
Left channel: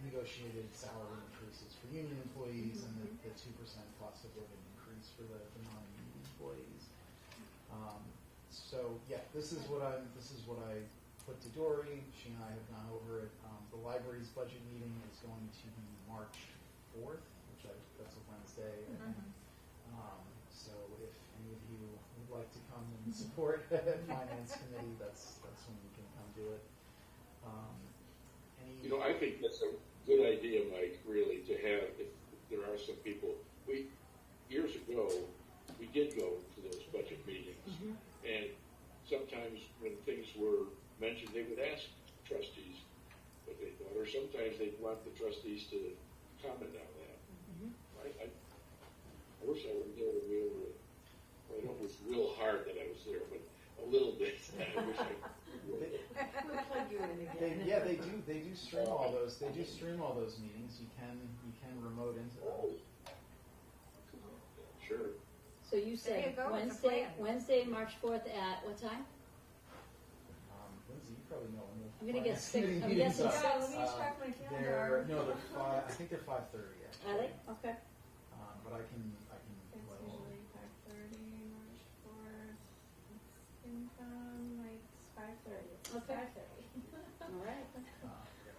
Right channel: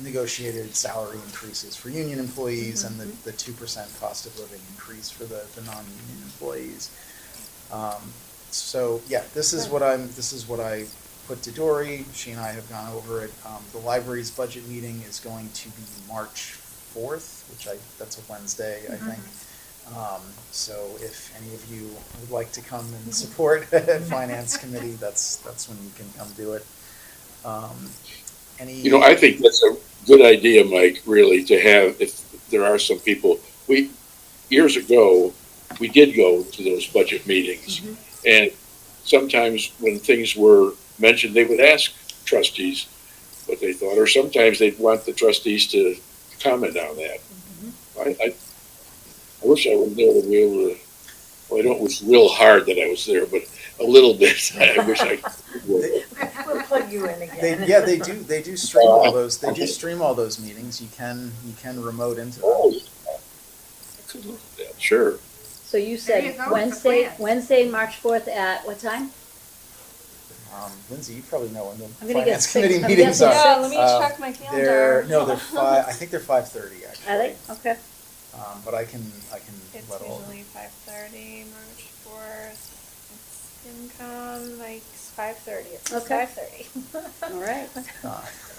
negotiated salary increases for union employees and the 2% cost of living increase for the non-union employees. So, yeah, this is what I put to Dory. She and I have gone over it. The library's budget meeting is going to be March 4th, that's a Wednesday, I think. So if any of you would like to come and support Finance Committee, that's when you can come do it. You know, I think that's a good idea, Mike, really, to have, if there are some people, years ago, we did go to those budget meetings. And sometimes when things were mentioned, they would ask trustees what they thought, or sometimes they'd want the trustees to comment on that. I wish I were there to be able to, well, I don't wish real hard that I was there, but a little bit, I wish I would. We'll plug you in again. They do stream all those, stream all those meetings. You can remote into them. Oh, I could look at that, sure. So you There you said go, it's a plan. Wednesday, March 4th at what time? Lindsay, you probably know when the I'm gonna get Finance Committee six. I'm meetings guessing are. Yeah, let me Um, check my calendar. They're 5, I think they're 5:30 actually. Are they? Okay. But I can It's let all. usually 5:30, March 4th. It's FinCom, like 5:30. It's Okay. 5:30. All right.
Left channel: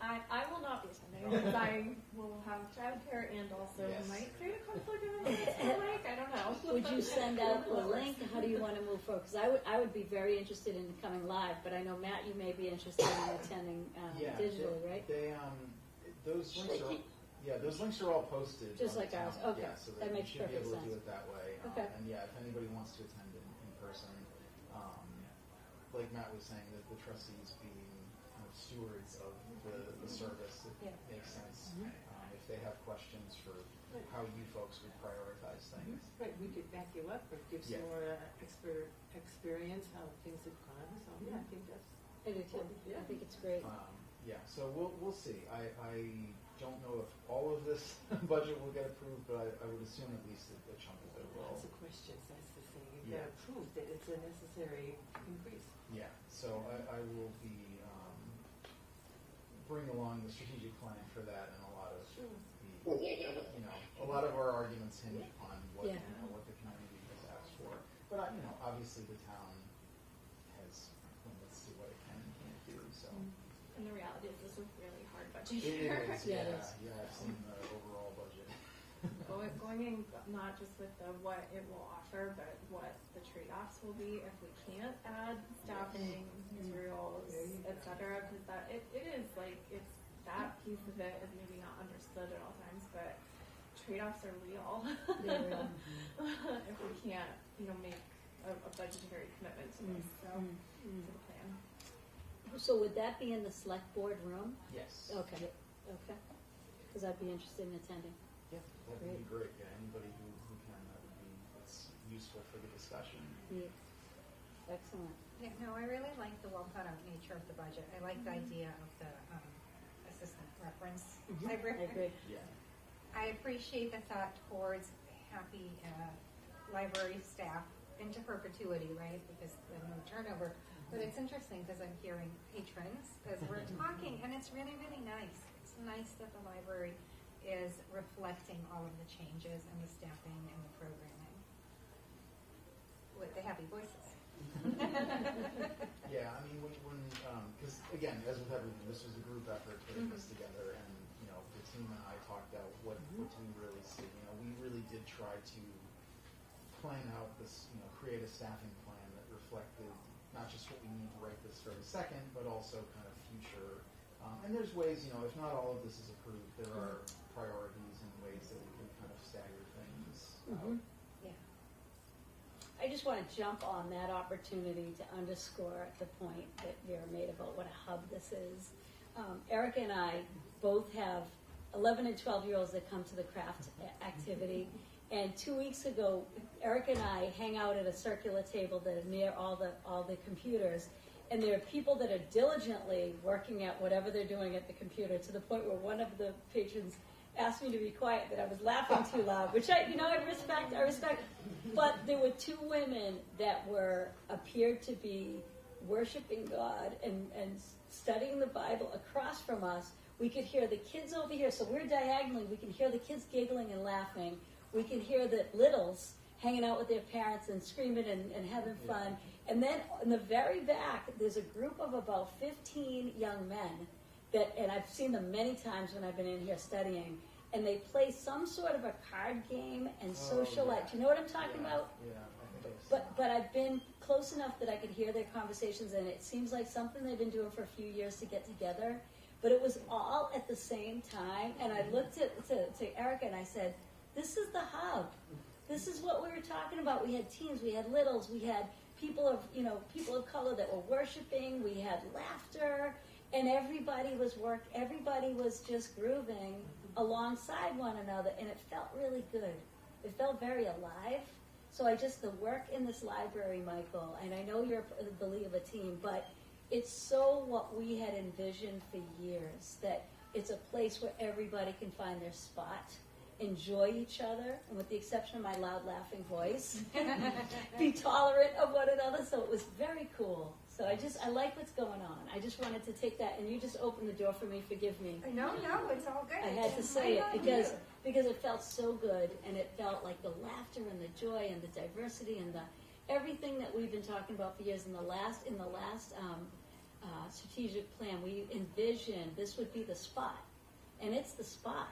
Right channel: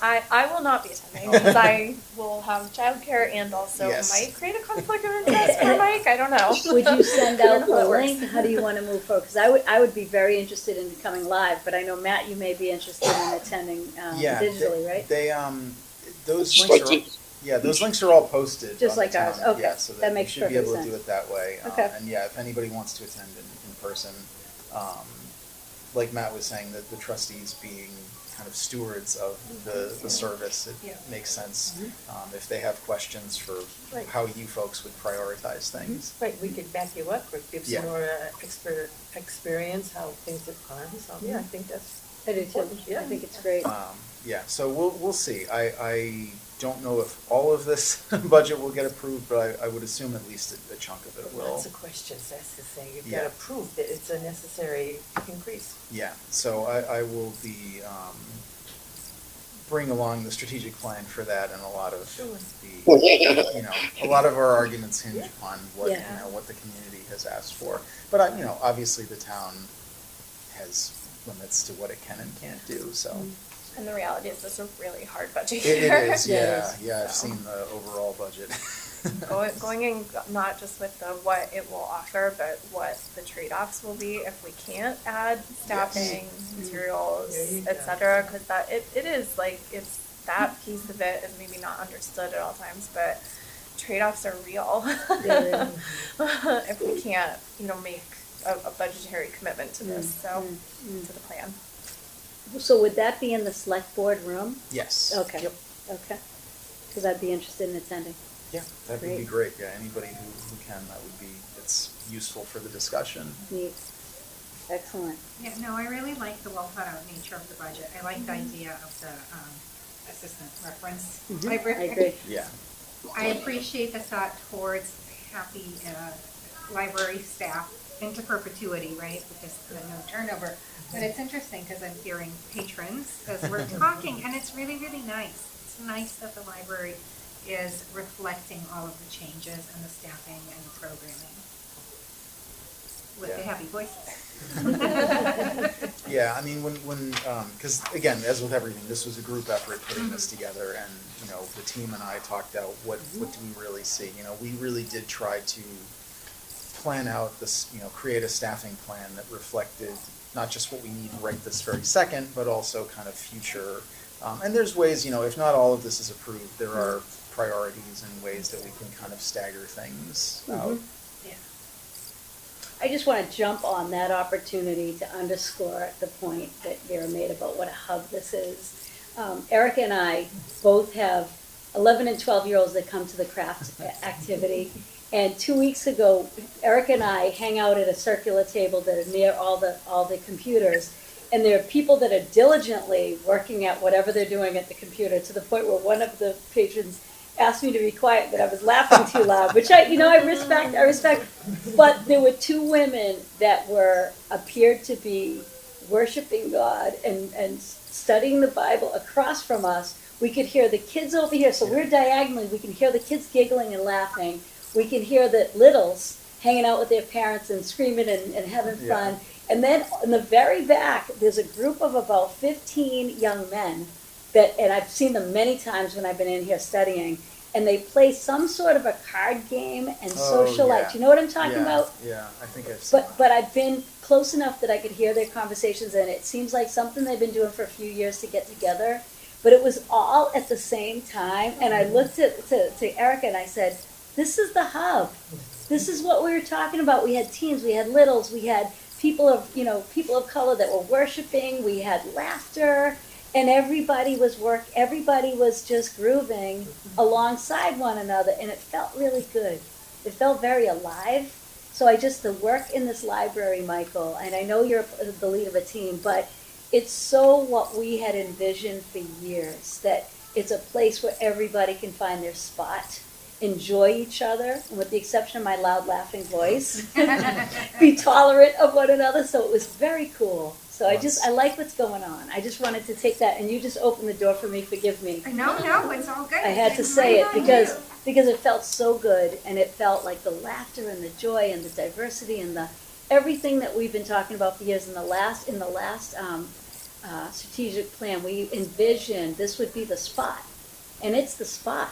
I will not be attending because I will have childcare and also Yes. might create a conflict of interest for Mike. I don't know. Would you send I don't out know how the it works. link? How do you want to move forward? Because I would be very interested in coming live, but I know Matt, you may be interested in attending Yeah, digitally, right? They those Just links like are. Yeah, those links are all posted. Just on the like ours. town. Okay. Yeah, so That makes you should be able perfect to do sense. it that way. Okay. And yeah, if anybody wants to attend in person, like Matt was saying, that the trustees being kind of stewards of the service, it Yeah. makes sense. If they have questions for Right. how you folks would prioritize things. Right, we could back you up or give Yeah. some more experience, how things have gone, so, yeah, I think that's, I do too. Yeah. I think it's great. Yeah, so we'll see. I don't know if all of this budget will get approved, but I would assume at least a chunk of it will. lots of questions, that's the thing, you've Yeah. got to prove that it's a necessary increase. Yeah, so I will be bring along the strategic plan for that, and a lot of Sure. a lot of our arguments hinge on what Yeah. what the community has asked for. But obviously the town has limits to what it can and can't do. So And the reality is, this is a really hard budget it year. is, Yeah, yeah. I've So. seen the overall budget. Going in not just with the what it will offer, but what the trade-offs will be if we can't add staffing, materials, There you go. etc. Because it is like it's that piece of it is maybe not understood at all times, but trade-offs are real. Yeah. If we can't, make a budgetary commitment to this, to the plan. So would that be in the select board room? Yes. Okay. Yep. Okay. Because I'd be interested in attending. Yeah, that would be great. Yeah, anybody who can, that would be. It's useful for the discussion. Neat. Excellent. Yeah, no, I really like the well thought out nature of the budget. I like the idea of the assistant reference I library. agree. Yeah. I appreciate the thought towards happy library staff into perpetuity, right? Because no turnover. But it's interesting because I'm hearing patrons as we're talking, and it's really, really nice. It's nice that the library is reflecting all of the changes and the staffing and the programming with the Yeah. happy voices. Yeah, I mean, when because again, as with everything, this was a group effort putting this together, and the team and I talked out what do we really see. We really did try to plan out this, create a staffing plan that reflected not just what we need right this very second, but also kind of future. And there's ways, if not all of this is approved, there are priorities and ways that we can kind of stagger things out. Yeah. I just want to jump on that opportunity to underscore the point that Vera made about what a hub this is. Erica and I both have 11 and 12-year-olds that come to the craft activity. And 2 weeks ago, Erica and I hang out at a circular table that are near all the computers. And there are people that are diligently working at whatever they're doing at the computer, to the point where one of the patrons asked me to be quiet, but I was laughing too loud, which I respect. But there were two women that appeared to be worshiping God and studying the Bible across from us. We could hear the kids over here, so we're diagonally, we can hear the kids giggling and laughing. We can hear the littles hanging out with their parents and screaming and having Yeah. fun. And then in the very back, there's a group of about 15 young men that, and I've seen them many times when I've been in here studying, and they play some sort of a card game and Oh, socialite. yeah. You know what I'm talking Yeah, about? Yeah, I think I've seen But I've been close enough that I could hear their conversations, and it seems like something they've been doing for a few years to get together. But it was all at the same time, and I looked to Erica and I said, "This is the hub. This is what we were talking about. We had teens, we had littles, we had people of color that were worshiping. We had laughter, and everybody was just grooving alongside one another, and it felt really good. It felt very alive." So the work in this library, Michael, and I know you're the lead of a team, but it's so what we had envisioned for years, that it's a place where everybody can find their spot, enjoy each other, and with the exception of my loud laughing voice, be tolerant of one another. So it was very cool. So I like what's going on. I just wanted to take that, and you just opened the door for me, forgive me. No, it's all good. I had to It's say right it on because it felt so good, and it felt like the laughter and the joy and the diversity and the everything that we've been talking about for years. In the last strategic plan, we envisioned this would be the spot, and it's the spot.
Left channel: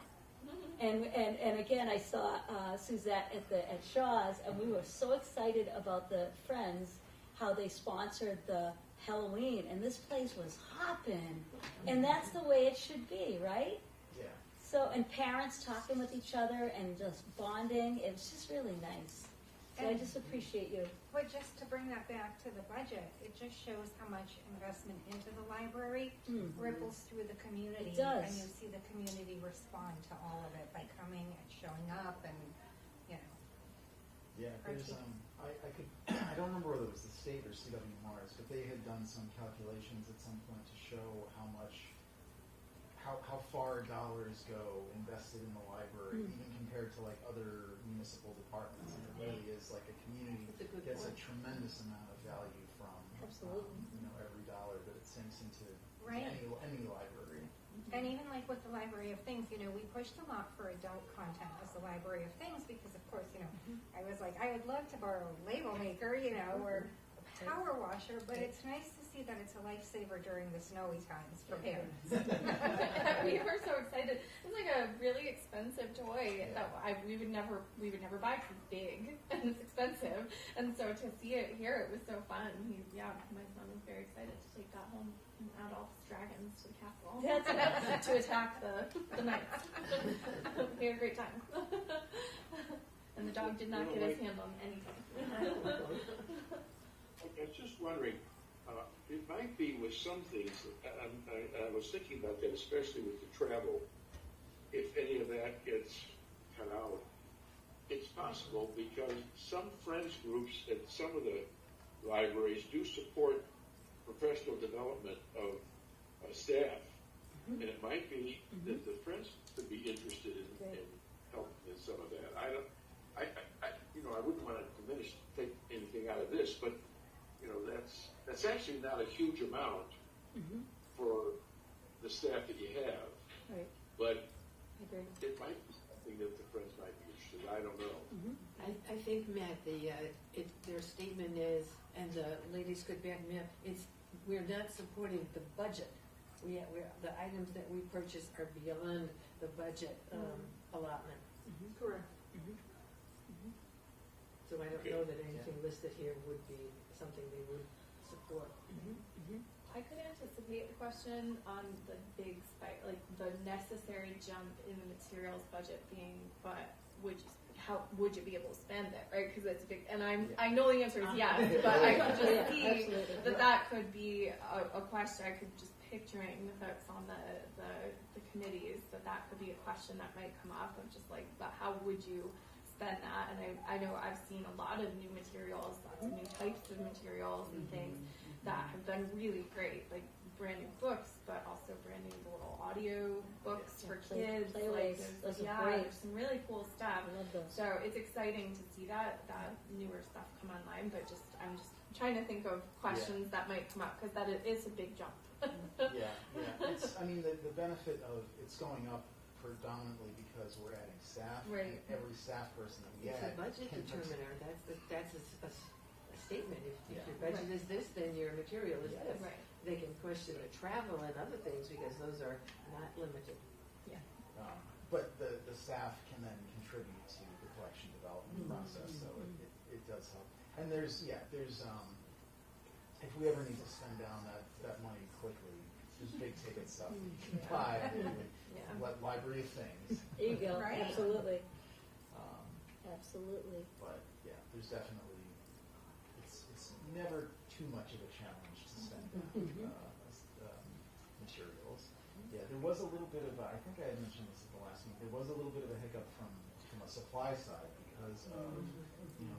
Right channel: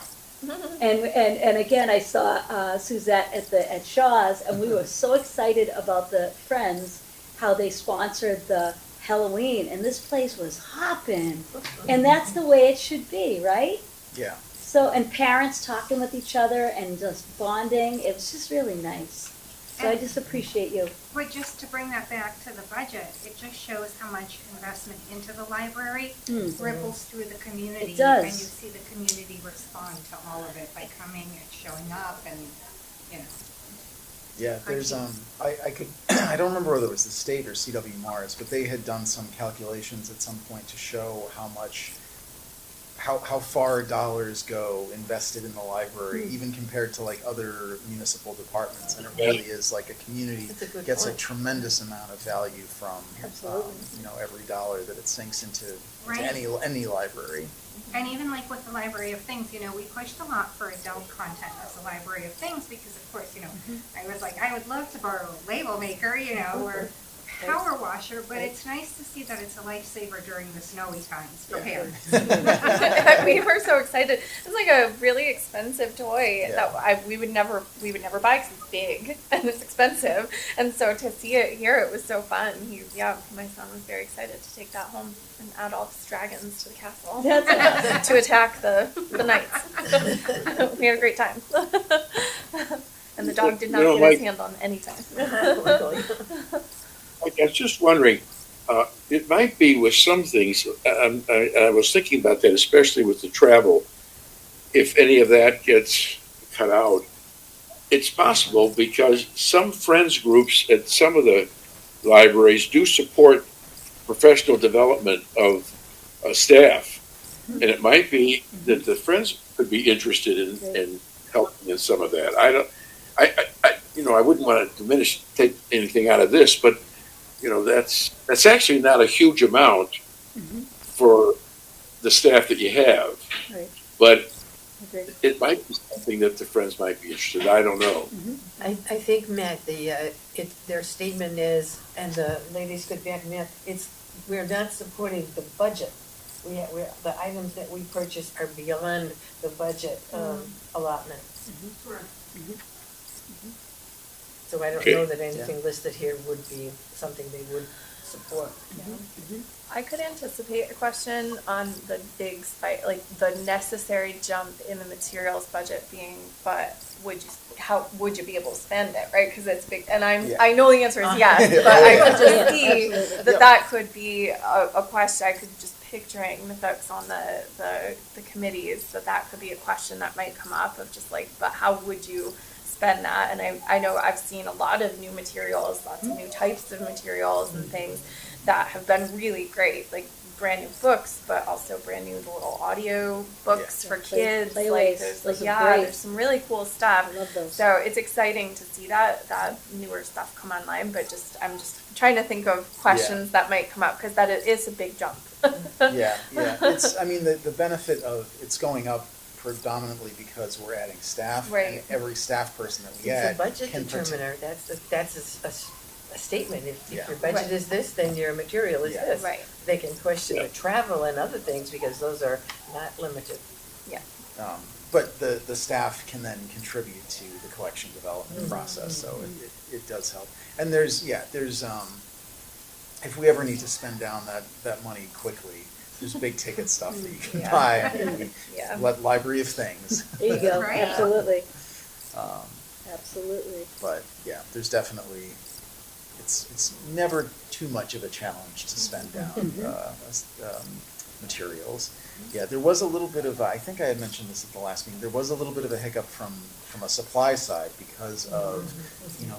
And again, I saw Suzette at Shaw's, and we were so excited about the Friends, how they sponsored the Halloween, and this place was hopping, and that's the way it should be, right? Yeah. So, and parents talking with each other and just bonding, it was just really nice. So I just appreciate you. But just to bring that back to the budget, it just shows how much investment into the library ripples through the community. It does. And you see the community respond to all of it by coming and showing up and, you know. Yeah, there's, I don't remember whether it was the state or CW Mars, but they had done some calculations at some point to show how far dollars go invested in the library, even compared to like other municipal departments, and it really is like a community That's a good gets point. a tremendous amount of value from, Absolutely. every dollar that it sinks into Right. any library. And even like with the Library of Things, we pushed a lot for adult content as a Library of Things because of course, I was like, I would love to borrow a label maker, or a power washer, but it's nice to see that it's a lifesaver during the snowy times for parents. We were so excited. It's like a really expensive toy Yeah. that we would never buy because it's big and it's expensive. And so to see it here, it was so fun. My son was very excited to take that home and add all his dragons to the castle That's to attack the knights. We had a great time. And the dog did not get his hand on any time. I was just wondering, it might be with some things, I was thinking about that, especially with the travel, if any of that gets cut out. It's possible because some friends groups at some of the libraries do support professional development of staff. And it might be that the friends could be interested in helping in some of that. I wouldn't want to take anything out of this, but that's actually not a huge amount for the staff that you have, right. but Agreed. it might be something that the friends might be interested in. I don't know. I think, Matt, their statement is, and the ladies could back me up, we're not supporting the budget. The items that we purchase are beyond the budget allotment. So I don't Okay. know that anything listed here would be something they would support. I could anticipate a question on the big spike, like the necessary jump in the materials budget being, but how would you be able to spend it, right? Because it's big, and I know the answer is yes, but I could just see Absolutely. that could be a question. I could just picturing the folks on the committees that could be a question that might come up of just like, but how would you spend that? And I know I've seen a lot of new materials, lots of new types of materials and things that have been really great, like brand new books, but also brand new little audio books for kids. Playways. Like there's Those are great. there's some really cool stuff. I love those. So it's exciting to see that newer stuff come online, but I'm just trying to think of questions that might come up because it is a big jump. Yeah. It's, the benefit of it's going up predominantly because we're adding staff. And Right. every staff person that we It's add a budget can determiner, that's a statement, if Yeah. your budget Right. is this, then your material is Yeah. this. Right. They can question Yeah. the travel and other things, because those are not limited. But the staff can then contribute to the collection development Mhm. process, so it does help. And there's, if we ever need to spend down that money quickly, there's big ticket stuff that you can Yeah. buy. I mean, Yeah. Library of Things. There you go, Right. absolutely, Um, absolutely. But yeah, there's definitely, it's never too much of a challenge to spend down materials. Yeah, there was a little bit of, I think I had mentioned this at the last meeting, there was a little bit of a hiccup from a supply side because of,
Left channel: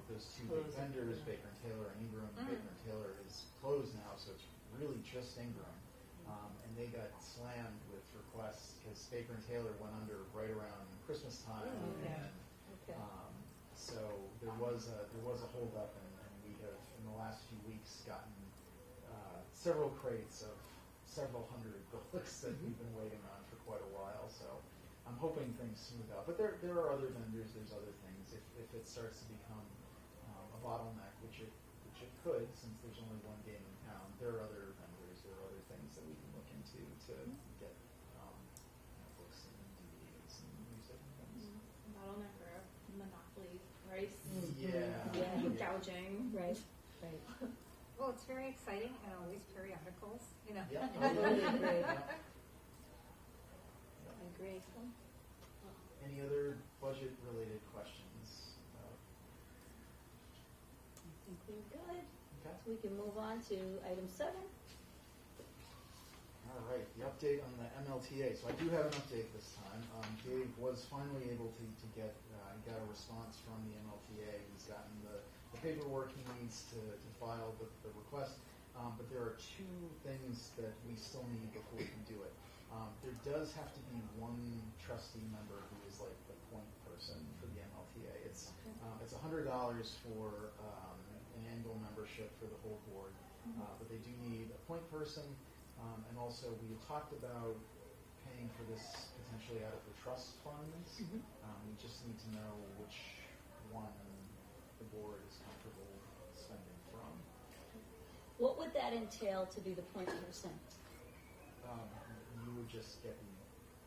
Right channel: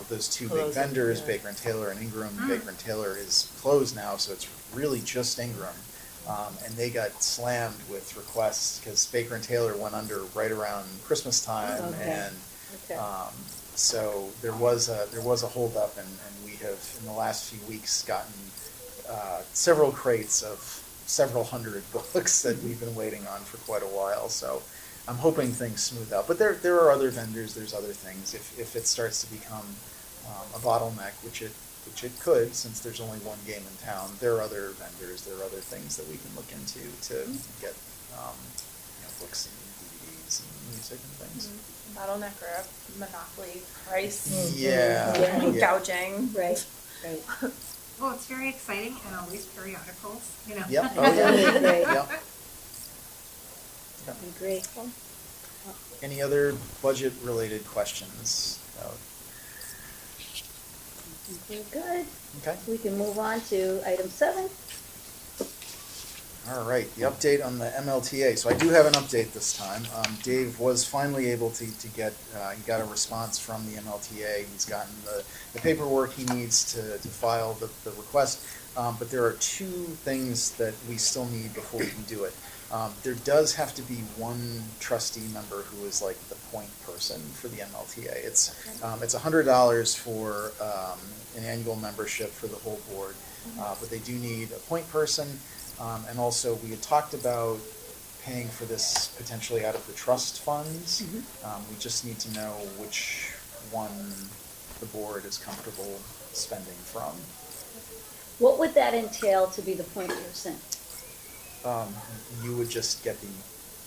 those two big Closing, vendors, yeah. Baker and Taylor and Ingram. Baker and Taylor is closed now, so it's really just Ingram. And they got slammed with requests because Baker and Taylor went under right around Christmas time, Okay. and Okay. so there was a holdup, and we have in the last few weeks gotten several crates of several hundred books that we've been waiting on for quite a while. So I'm hoping things smooth out. But there are other vendors. There's other things. If it starts to become a bottleneck, which it could, since there's only one game in town, there are other vendors. There are other things that we can look into to get books and DVDs and music and things. Bottleneck or a monopoly price. Yeah. Yeah. Gouging. Right, right. Well, it's very exciting, and always periodicals, Yep. Oh, yeah. Absolutely great. Yep. I agree. Any other budget-related questions? We're good. Okay. We can move on to item 7. All right, the update on the MLTA. So I do have an update this time. Dave was finally able to get, he got a response from the MLTA. He's gotten the paperwork he needs to file the request. But there are 2 things that we still need before we can do it. There does have to be one trustee member who is like the point person for the MLTA. It's $100 for an annual membership for the whole board, but they do need a point person. And also, we had talked about paying for this potentially out of the trust funds. We just need to know which one the board is comfortable spending from. What would that entail to be the point person? You would just get the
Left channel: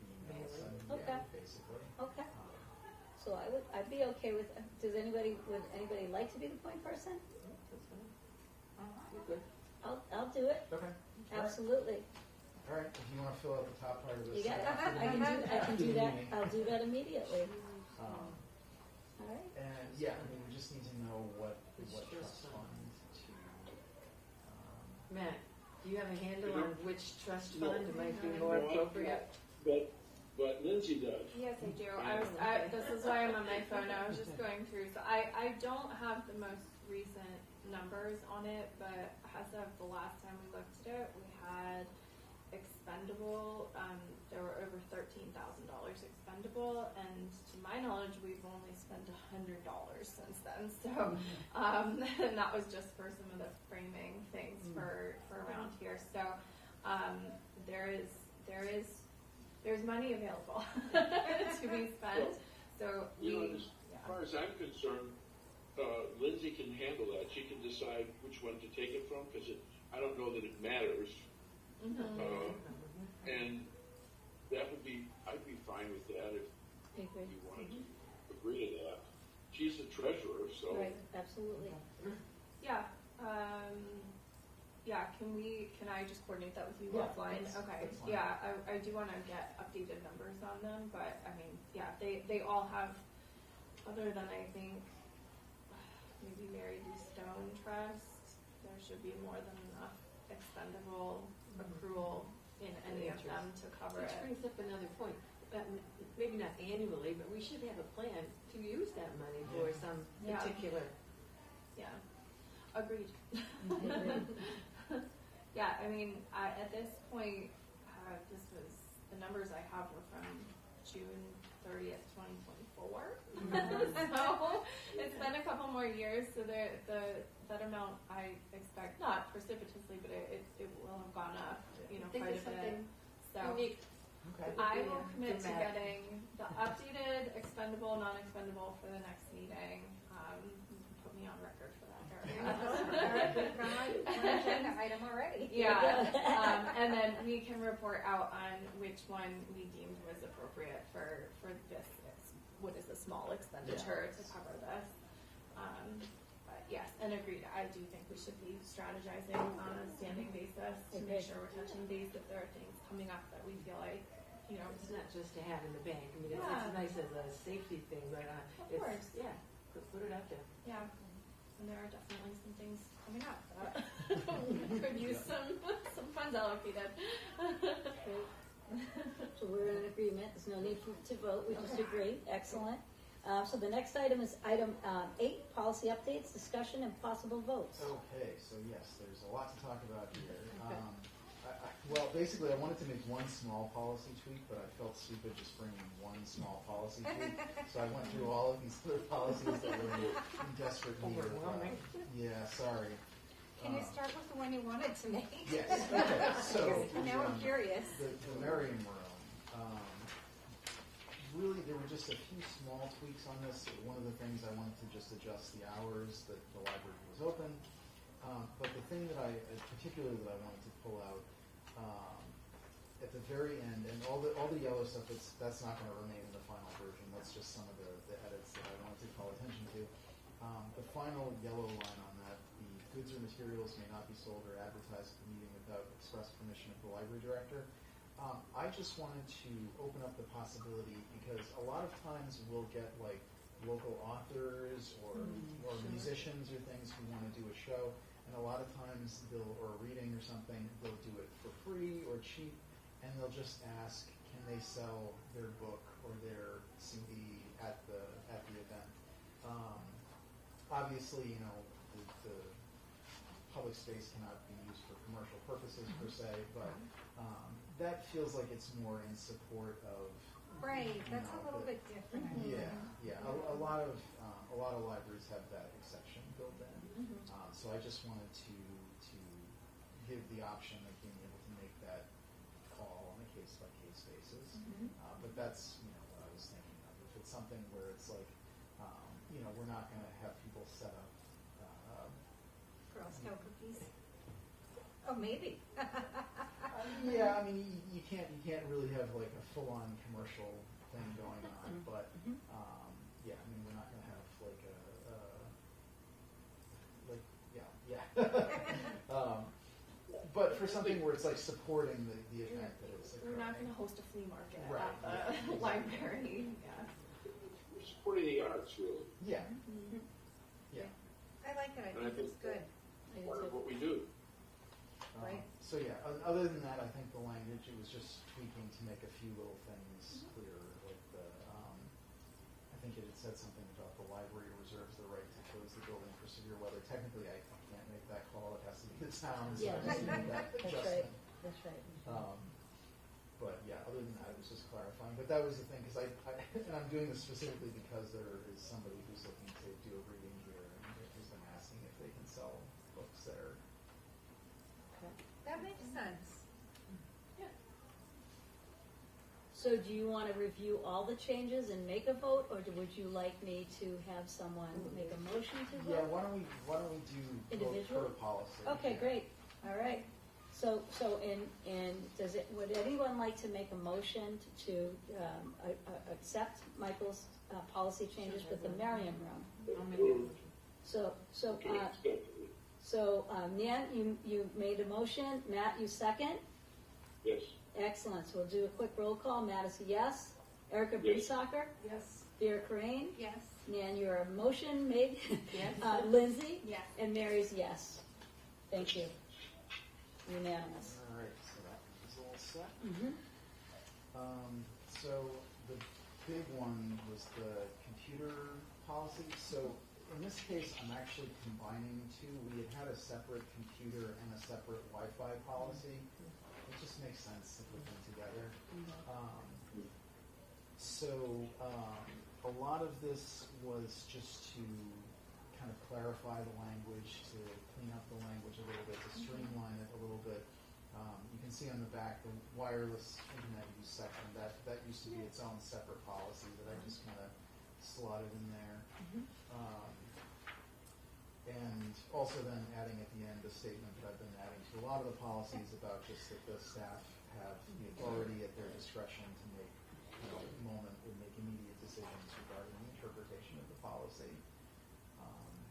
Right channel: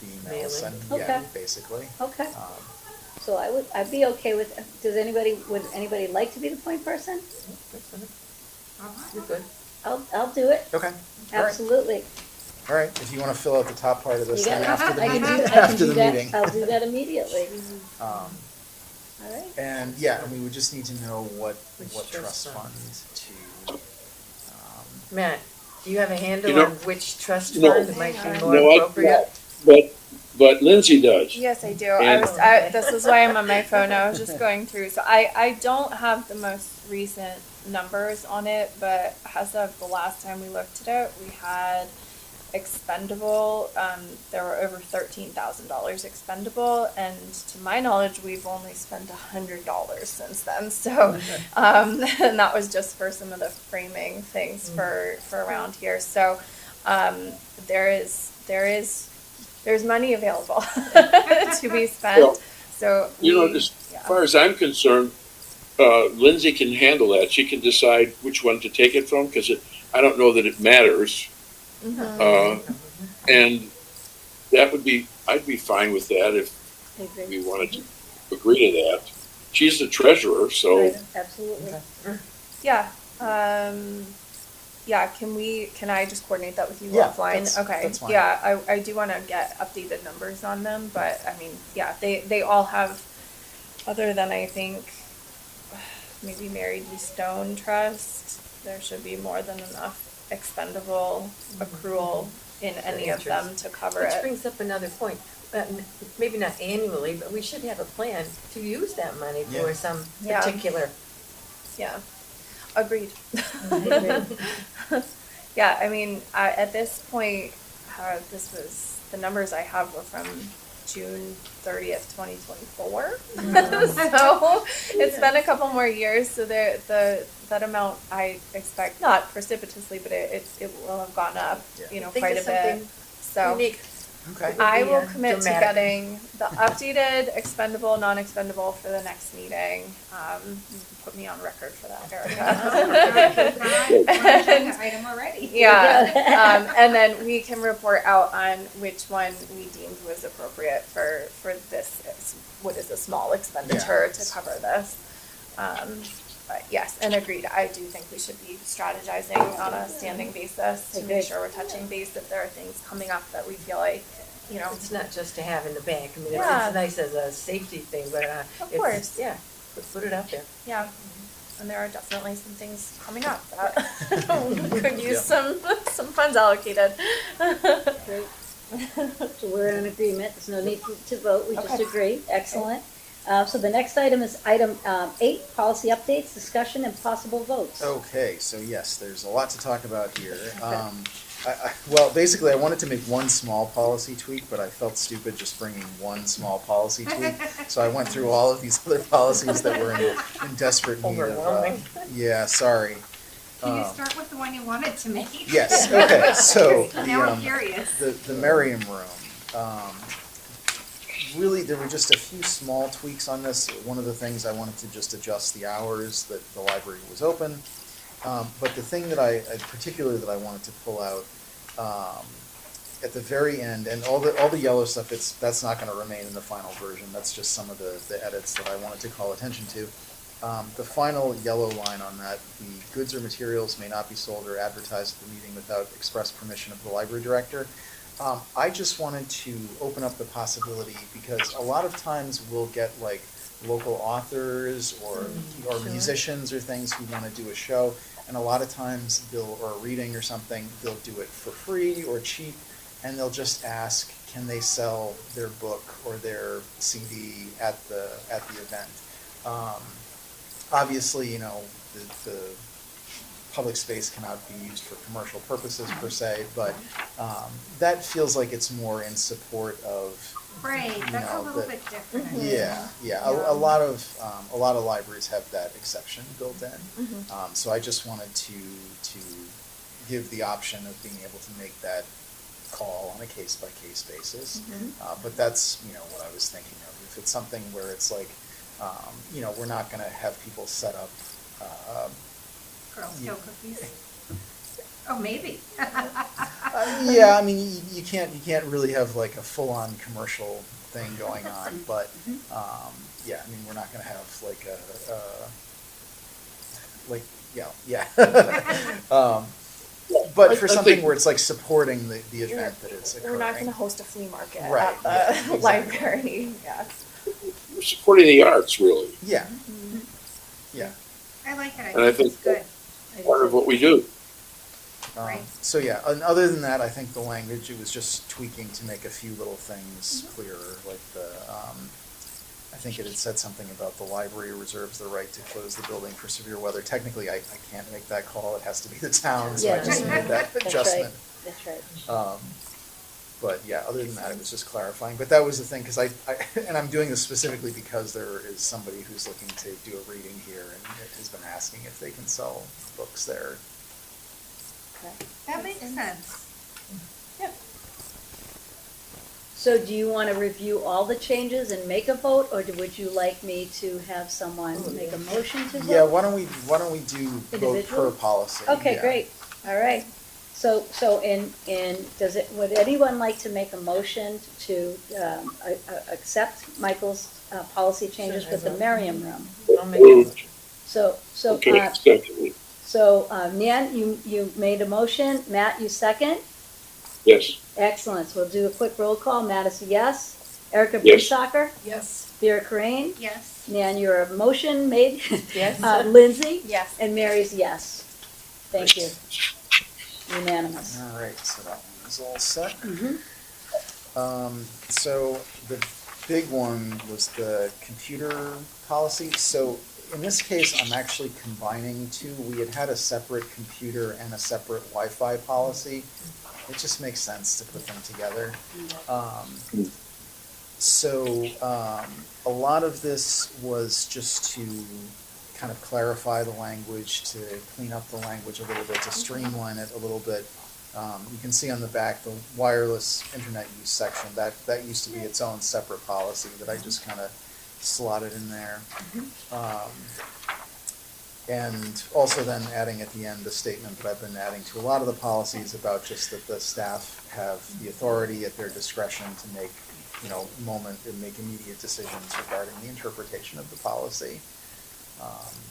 email Mailing. sent, Okay. basically. Okay, Um, so I'd be okay with, would anybody like to be the point person? You're good. I'll do it, Okay. All right. absolutely. All right, if you want to fill out the top part of this You then got it? after the I can meeting. do- I can After do the that. meeting. I'll do that immediately, Um, all right? And yeah, and we would just need to know what Which trust trust fund to. Matt, do you have a handle You know- on which trust No. fund might be more No, appropriate? but Lindsay does. Yes, I do. And- This is why I'm on my phone. I was just going through. So I don't have the most recent numbers on it, but as of the last time we looked at it, we had expendable, there were over $13,000 expendable, and to my knowledge, we've only spent $100 since then. So, and that was just for some of the framing things for around here. So, there's money available to be spent. Well, So As far as I'm concerned, Lindsay can handle that. She can decide which one to take it from, because I don't know that it matters. And that would be, I'd be fine with that if I agree. we wanted to agree to that. She's the treasurer, so Right, absolutely. Yeah, yeah, can I just coordinate that with you Yeah, offline? that's- Okay, that's fine. yeah, I do wanna get updated numbers on them, but I mean, yeah, they all have, other than I think, maybe Mary D. Stone Trust, there should be more than enough expendable accrual in any of them to cover Which it. brings up another point, maybe not annually, but we should have a plan to use that money for Yeah. some Yeah. particular. Yeah, agreed. Agreed. Yeah, I mean, at this point, the numbers I have were from June 30th, 2024. So it's been a couple more years, so that amount I expect, not precipitously, but it will have gone up, Yeah. I think quite a it's bit. something So, Unique Okay. I will Yeah, commit to dramatic. getting the updated expendable, non-expendable for the next meeting. You can put me on record for that, Erica. Agenda item already. Yeah, and then we can report out on which one we deemed was appropriate for this, what is a small expenditure Yeah. to cover this. But yes, and agreed, I do think we should be strategizing on a standing basis to make Agreed. sure we're touching base if there are things coming up that we feel like, you know. It's not just to have in the bank, I mean, Yeah. it's nice as a safety thing, but, Of it's, course. yeah, put it out there. Yeah, and there are definitely some things coming up that could use Yeah. some funds allocated. Great. So we're in agreement, there's no need to vote, we just Okay. agree, excellent. So the next item is item 8, policy updates, discussion and possible votes. Okay, so yes, there's a lot to talk about here. Well, basically, I wanted to make one small policy tweak, but I felt stupid just bringing one small policy tweak. So I went through all of these other policies that were in desperate need of. Overwhelming. Yeah, sorry. Can you Um, start with the one you wanted to make? Yes, okay, so Now I'm curious. the Merriam Room. Really, there were just a few small tweaks on this. One of the things I wanted to just adjust the hours that the library was open. But the thing that particularly that I wanted to pull out, at the very end, and all the yellow stuff, that's not gonna remain in the final version. That's just some of the edits that I wanted to call attention to. The final yellow line on that, the goods or materials may not be sold or advertised at the meeting without express permission of the library director. I just wanted to open up the possibility, because a lot of times we'll get like local authors or Sure. musicians or things who wanna do a show, and a lot of times or a reading or something, they'll do it for free or cheap, and they'll just ask, can they sell their book or their CD at the event? Obviously, you know, the public space cannot be used for commercial purposes per se, but that feels like it's more in support of. Right, you that's a know, little the- bit different. Yeah, a lot of libraries have that exception built in. So I just wanted to give the option of being able to make that call on a case by case basis. But that's, you know, what I was thinking of. If it's something where it's like, you know, we're not gonna have people set up, Girl Scout cookies? Oh, maybe. yeah, I mean, you can't really have like a full-on commercial thing going on, but, yeah, I mean, we're not gonna have like but for I something think- where it's like supporting the event that it's We're occurring. not gonna host a flea market Right, at the yeah, exactly. library, yeah. We're supporting the arts, really, Yeah, yeah. I like it, And I I think it's think- good. part of what we do. Right. So yeah, and other than that, I think the language, it was just tweaking to make a few little things clearer, like I think it had said something about the library reserves the right to close the building for severe weather. Technically, I can't make that call, it has to be the town, so I Yeah. just made that That's adjustment. That's right. But yeah, other than that, it was just clarifying, but that was the thing, cause I and I'm doing this specifically because there is somebody who's looking to do a reading here and has been asking if they can sell books there. Okay. That makes sense. So do you want to review all the changes and make a vote, or would you like me to have someone make a motion to vote? Yeah, why don't we do vote per Individual? policy? Okay, yeah. great, all right. So would anyone like to make a motion to accept Michael's policy changes with the Merriam Room? I'll make a motion. So, Okay, secondly, Nan, you made a motion, Matt, you second? yes, Excellent, so we'll do a quick roll call, Matt is a yes. Erica Yes. Brissacker, Yes. Vera Crane, Yes. Nan, your motion made, Yes. Lindsay, Yes. and Mary's yes. Thank you. Unanimous. All right, so that one is all set. Mhm. So the big one was the computer policy. So in this case, I'm actually combining two. We had a separate computer and a separate Wi-Fi policy. It just makes sense to put them together. A lot of this was just to kind of clarify the language, to clean up the language a little bit, to streamline it a little bit. You can see on the back, the wireless internet use section, that used to be its own separate policy that I just kind of slotted in there. And also then adding at the end the statement that I've been adding to a lot of the policies about just that the staff have the authority at their discretion to make, make immediate decisions regarding the interpretation of the policy.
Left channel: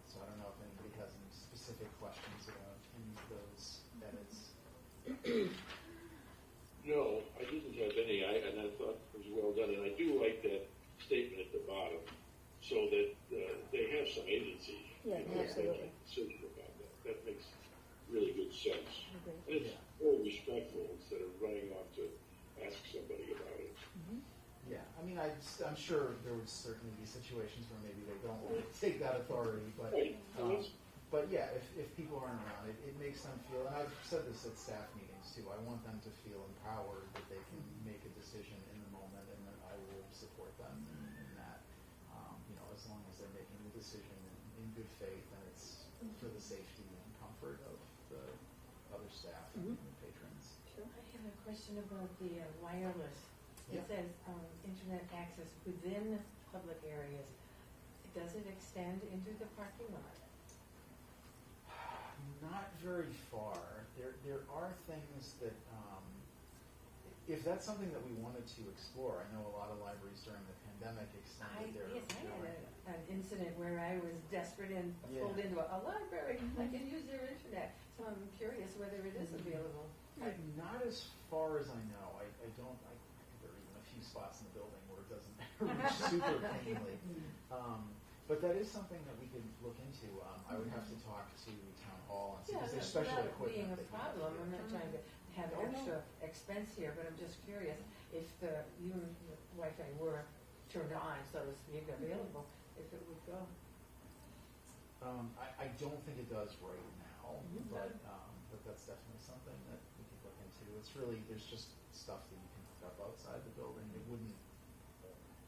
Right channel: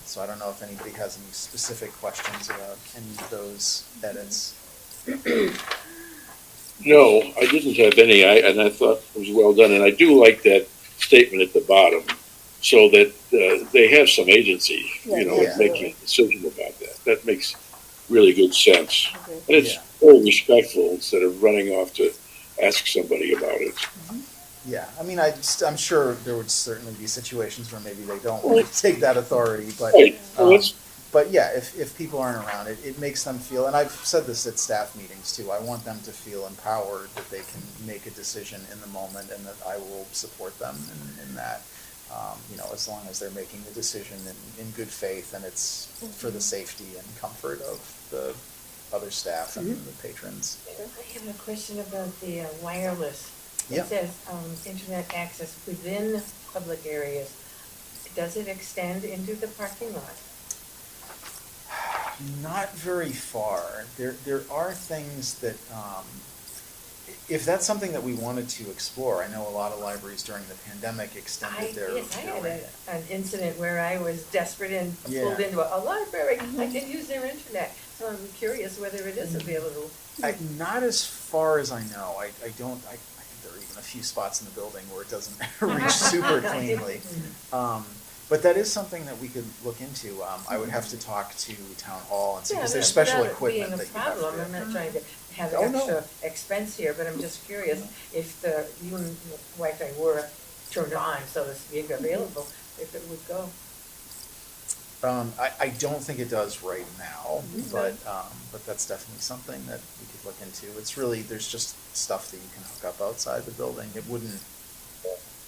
So I don't know if anybody has any specific questions about any of those edits. No, I didn't have any, and I thought it was well done, and I do like that statement at the bottom, so that they have some agency, Yeah. making a decision about that. That makes really good sense. Okay. And it's Yeah. very respectful instead of running off to ask somebody about it. Yeah, I mean, I'm sure there would certainly be situations where maybe they don't want to take that authority, but, Right. Well, that's, but yeah, if people aren't around, it makes them feel, and I've said this at staff meetings too, I want them to feel empowered that they can make a decision in the moment and that I will support them in that. As long as they're making the decision in good faith and it's for the safety and comfort of the other staff and the patrons. I have a question about the wireless. Yeah. It says, internet access within public areas. Does it extend into the parking lot? Not very far. There are things that, if that's something that we wanted to explore, I know a lot of libraries during the pandemic extended their. I had an incident where I was desperate and pulled Yeah. into a library. I did use their internet, so I'm curious whether it is available. Not as far as I know. I think there are even a few spots in the building where it doesn't reach super cleanly. But that is something that we could look into. I would have to talk to town hall and see, because there's special equipment that you have to. Being a problem, I'm not trying to have Oh, no. extra expense here, but I'm just curious if the Wi-Fi were turned on, so to speak, available, if it would go. I don't think it does right now, but that's definitely something that we could look into. It's really, there's just stuff that you can hook up outside the building. It wouldn't,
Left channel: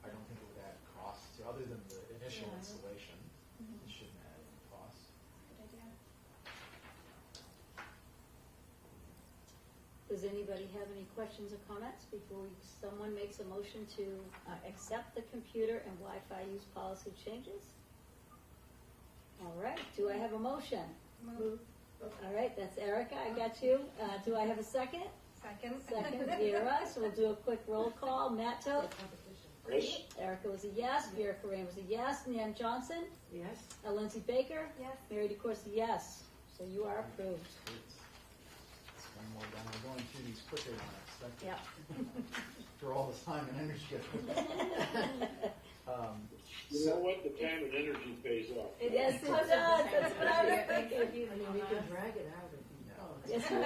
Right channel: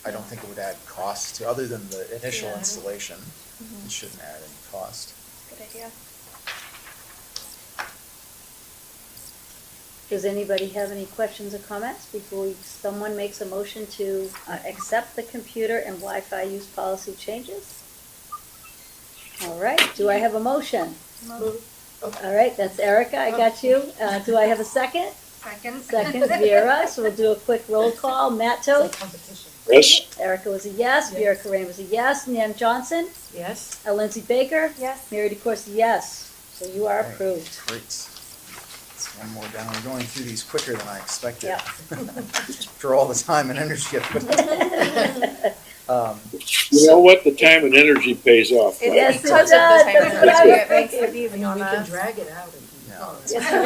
I don't think it would add cost to, other than the initial Yeah. installation. It shouldn't add any cost. Good idea. Does anybody have any questions or comments before someone makes a motion to accept the computer and Wi-Fi use policy changes? All right, do I have a motion? All right, that's Erica, I got you. Do I have a second? Second. Second, Vera, so we'll do a quick roll call. Matt Toth, yes, Erica was a yes, Vera Corain was a yes, Nan Johnson, Yes? Lindsay Baker, Yes. Mary DeCourcy, yes. So you are Okay, approved. Great. Let's one more down. We're going through these quicker than I expected. Yep. After all the time and energy I put in. you know what, the time and energy pays off. It Yes, is it because of does. the time That's and what I energy, was it makes thinking. it easy on We can us. drag it out if you No. want. Yes, you are,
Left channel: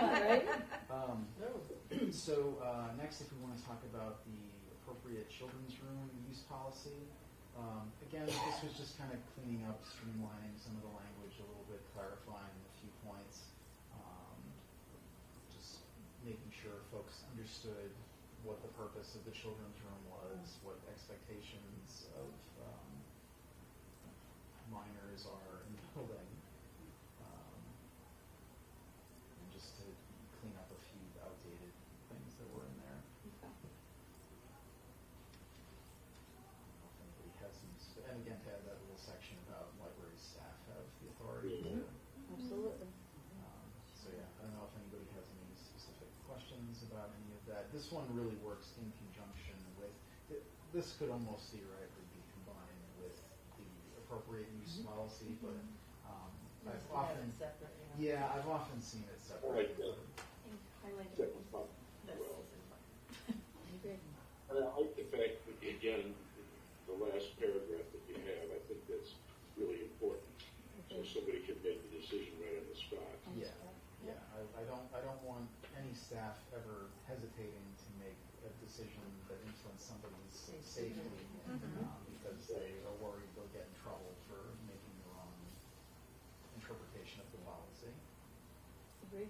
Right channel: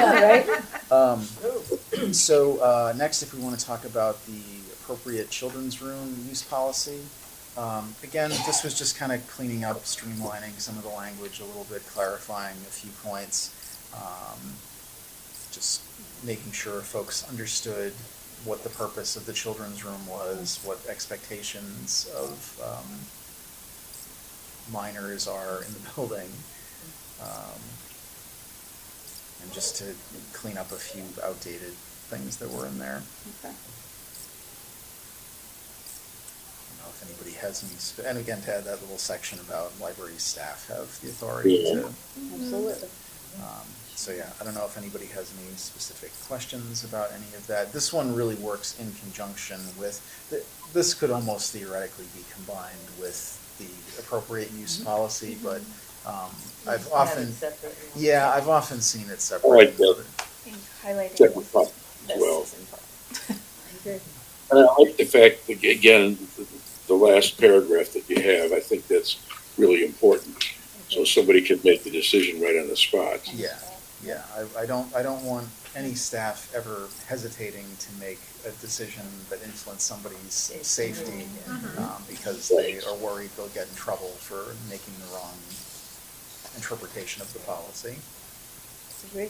right? So next, if we want to talk about the appropriate children's room use policy, again, this was just kind of cleaning up, streamlining some of the language a little bit, clarifying a few points, just making sure folks understood what the purpose of the children's room was, what expectations of minors are in the building. And just to clean up a few outdated things that were in there. Okay. I don't know if anybody has any, and again, to add that little section about library staff have the authority Yeah. to. Absolutely. So yeah, I don't know if anybody has any specific questions about any of that. This one really works in conjunction with, this could almost theoretically be combined with the appropriate use policy, but I've Have often, it separately. yeah, I've often seen it I like separated. that. I think highlighting Separate fund as this well. is important. I agree. And I like the fact, that, again, the last paragraph that you have, I think that's really important. So somebody can make the decision right on the spot. Yeah, yeah, I don't want any staff ever hesitating to make a decision that influences somebody's safety, because they are worried they'll get in trouble for making the wrong interpretation of the policy. Agree.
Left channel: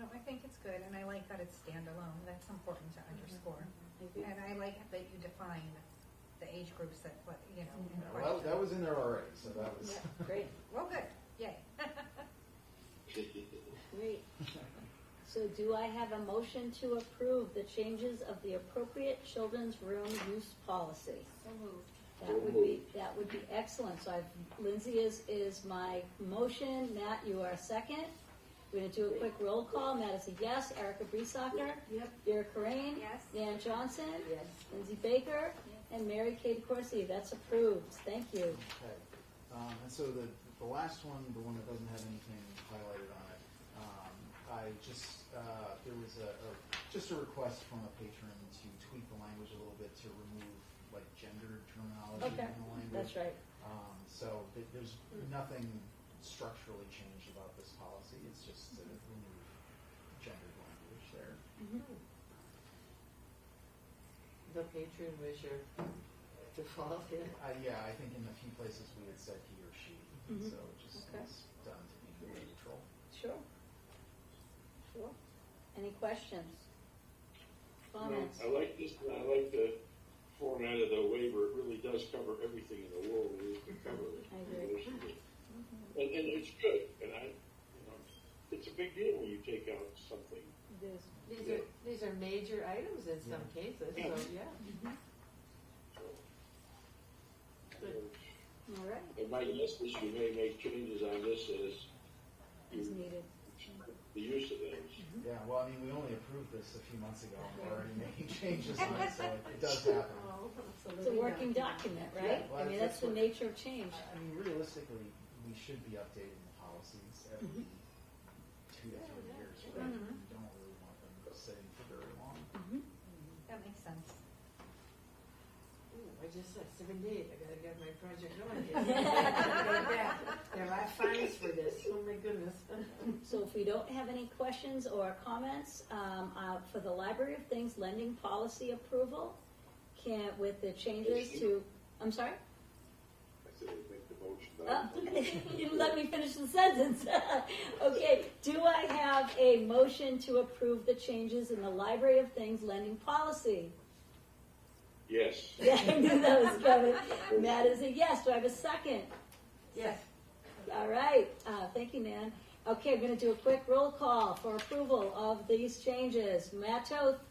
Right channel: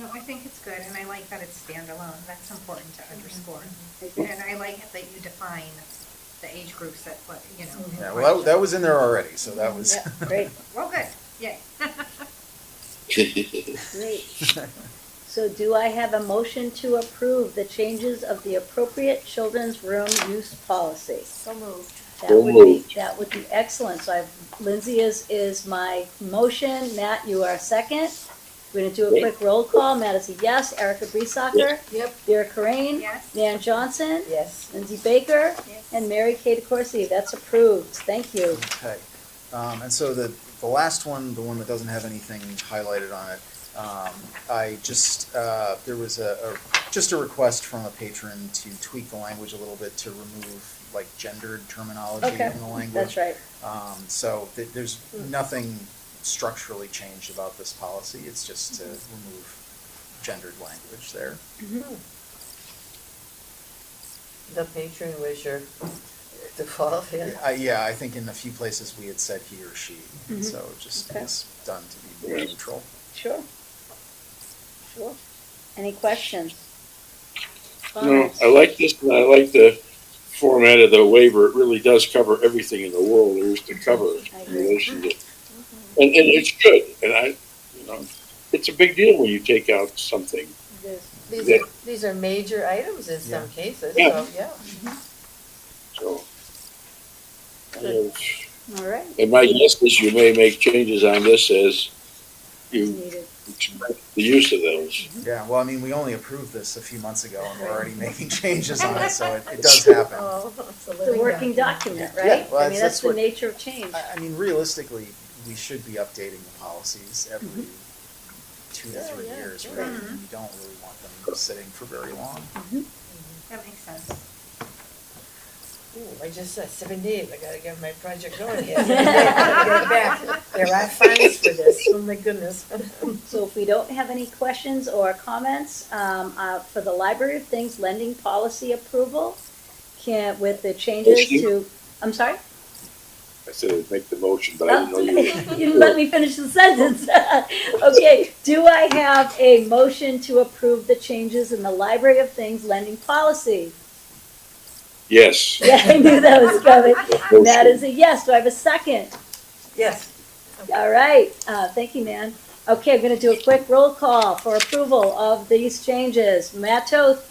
No, I think it's good, and I like that it's standalone, that's important to underscore. I agree. And I like that you define the age groups that, Yeah, well, that was in there already, so that was. Yeah, great, Well, good, yay. great. So do I have a motion to approve the changes of the appropriate children's room use policy? So moved. So moved. That would be excellent. So I've, Lindsay is my motion. Matt, you are second. We're gonna do a quick roll call. Matt is a yes. Erica Breesacker. Yep. Vera Corain. Yes? Nan Johnson. Yes. Lindsay Baker. Yes. And Mary Kay DeCoursey. That's approved. Thank you. Okay, and so the last one, the one that doesn't have anything highlighted on it, I just, there was just a request from a patron to tweak the language a little bit to remove like gendered terminology Okay, from the language. that's right. So there's nothing structurally changed about this policy, it's just to remove gendered language there. The patron was your default, yeah. Yeah, I think in a few places we had said he or she, and so it just Okay. was done to be more neutral. Sure. Sure. Any questions? No, Comments? I like this, and I like the format of the waiver. It really does cover everything in the world there is to cover I in agree. relation to, and it's good, and it's a big deal when you take out something. It is. These are major items in some cases, Yeah. so, yeah. So, Good. All right. and my guess is you may make changes on this as As you needed. expect the use of those. Yeah, well, I mean, we only approved this a few months ago, and we're already making changes on it, so it does happen. Oh, It's a working document, Yeah, right? well, I mean, that's the what- nature of change. I mean, realistically, we should be updating the policies every 2 to 3 yeah, years, sure. right? And we don't really want them sitting for very long. That makes sense. Ooh, I just said 7 days, I gotta get my project going here. Get it back. There are fines for this, oh my goodness. So if we don't have any questions or comments, for the Library of Things lending policy approval, with the changes to, I'm sorry? I said I'd make the motion, but I didn't know you were. You didn't let me finish the sentence. Okay, do I have a motion to approve the changes in the Library of Things lending policy? Yes. Yeah, I knew that was coming. That is a yes. Do I have a second? Yes. All right, thank you, Nan. Okay, I'm gonna do a quick roll call for approval of these changes. Matt Toth,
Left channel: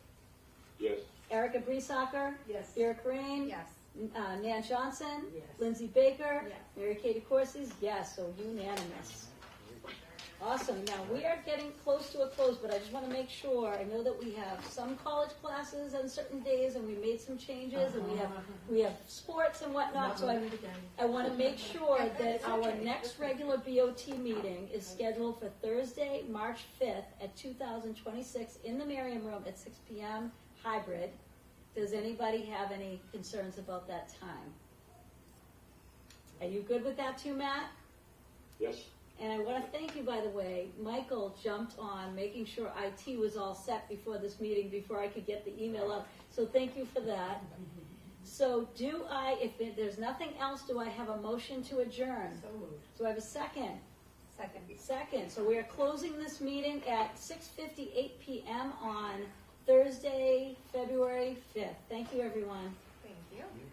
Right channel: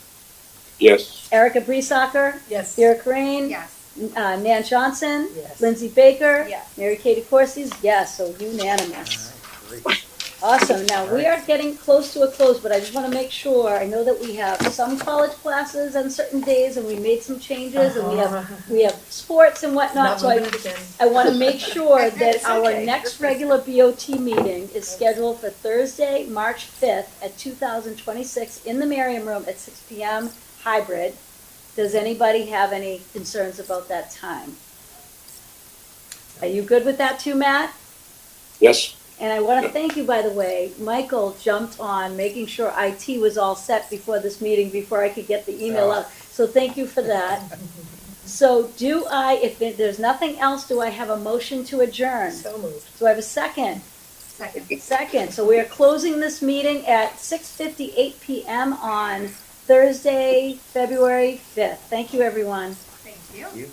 Yes. Erica Breesacker, Yes. Vera Corain, Yes. Nan Johnson, Yes. Lindsay Baker, Yes. Mary Kay DeCoursey, yes, so unanimous. All right, great. Awesome, now we are getting close to a close, but I just wanna make sure, I know that we have some college classes on certain days, and we made some changes, and we have sports and whatnot, Not so moving it again. I wanna make sure that our okay. next regular BOT meeting is scheduled for Thursday, March fifth at 2026 in the Merriam Room at 6 PM, hybrid. Does anybody have any concerns about that time? Are you good with that too, Matt? Yes. And I want to thank you, by the way. Michael jumped on making sure IT was all set before this meeting, before I could get the email out. So thank you for that. So if there's nothing else, do I have a motion to adjourn? So moved. Do I have a second? Second. Second. So we are closing this meeting at 6:58 PM on Thursday, February 5th. Thank you, everyone. Thank you. You.